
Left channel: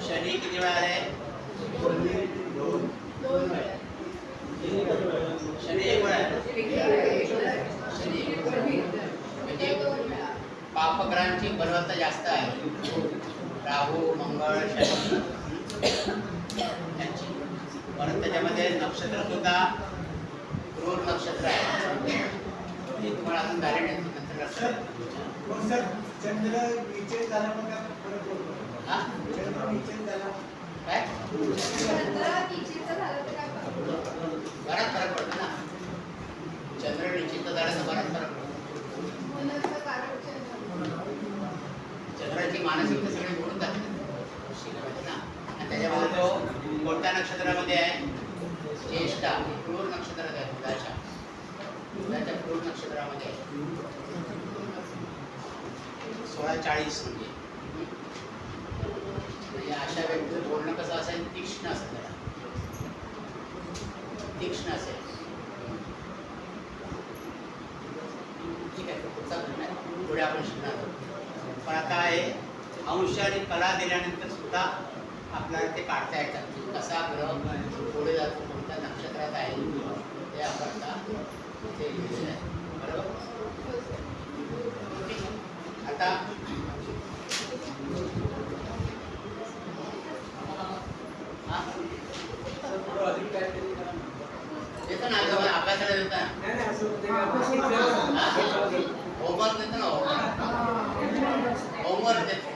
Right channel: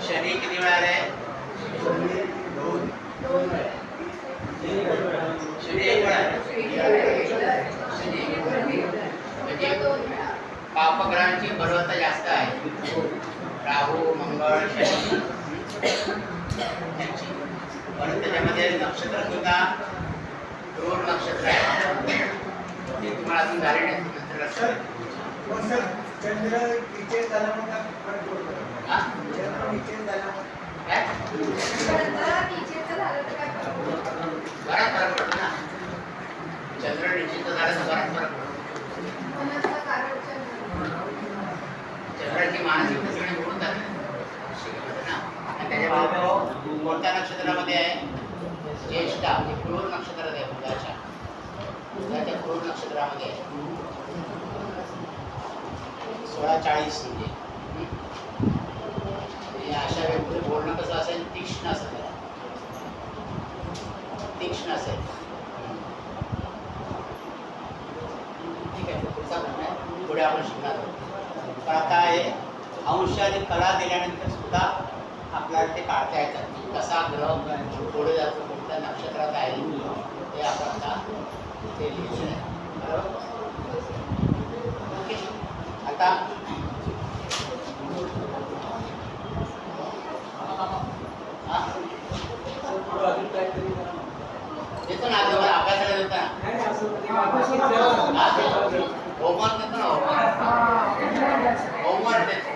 शनी किती वेळा आहे. शनी 1 वेळा आहे. शनी म्हणजे पापग्रहांची बलवत्ता जास्त आहे. राहू मंगळ शनी यांची. परत त्याच्यामध्ये नक्षत्र सुद्धा क्रूर नक्षत्र आहे. ते तुम्हाला अजून झाले नाही नंतर लक्षात. चंद्र नीचे झाल्यामुळे हा? काय बराच फरक पडतो ना. चंद्र निश्चित झाला तर बराच फरक पडतो. चंद्राची मानसिकता सगळी मिळून जाते ना. आणि त्याच्यामध्ये तो कोणत्या नक्षत्रामध्ये आहे. ज्येष्ठा हे क्रूर नक्षत्रात आहे. बुधाच्या क्रूर नक्षत्रामध्ये आहे. 16:40 म्हणजे अशा व्यक्तीचं बोलणं कसं असेल. तीक्ष्ण असेल. त्याला तीक्ष्ण असेल. ठीक आहे. पुढचा प्रश्न आहे. पुढे आपण शिकणार आहोत. पण आता हे अंश आणि कला दिल्यानंतर सुद्धा आपल्याला ते काढता येतात. कसा ग्रह पुढे जातो कोणत्या नक्षत्रात आहे ते आपण आता ते लिहिलं आहे. बरोबर. आता देतो ना अभ्यासाला देतो ना. होमवर्क देतो ना. होमवर्क देतो.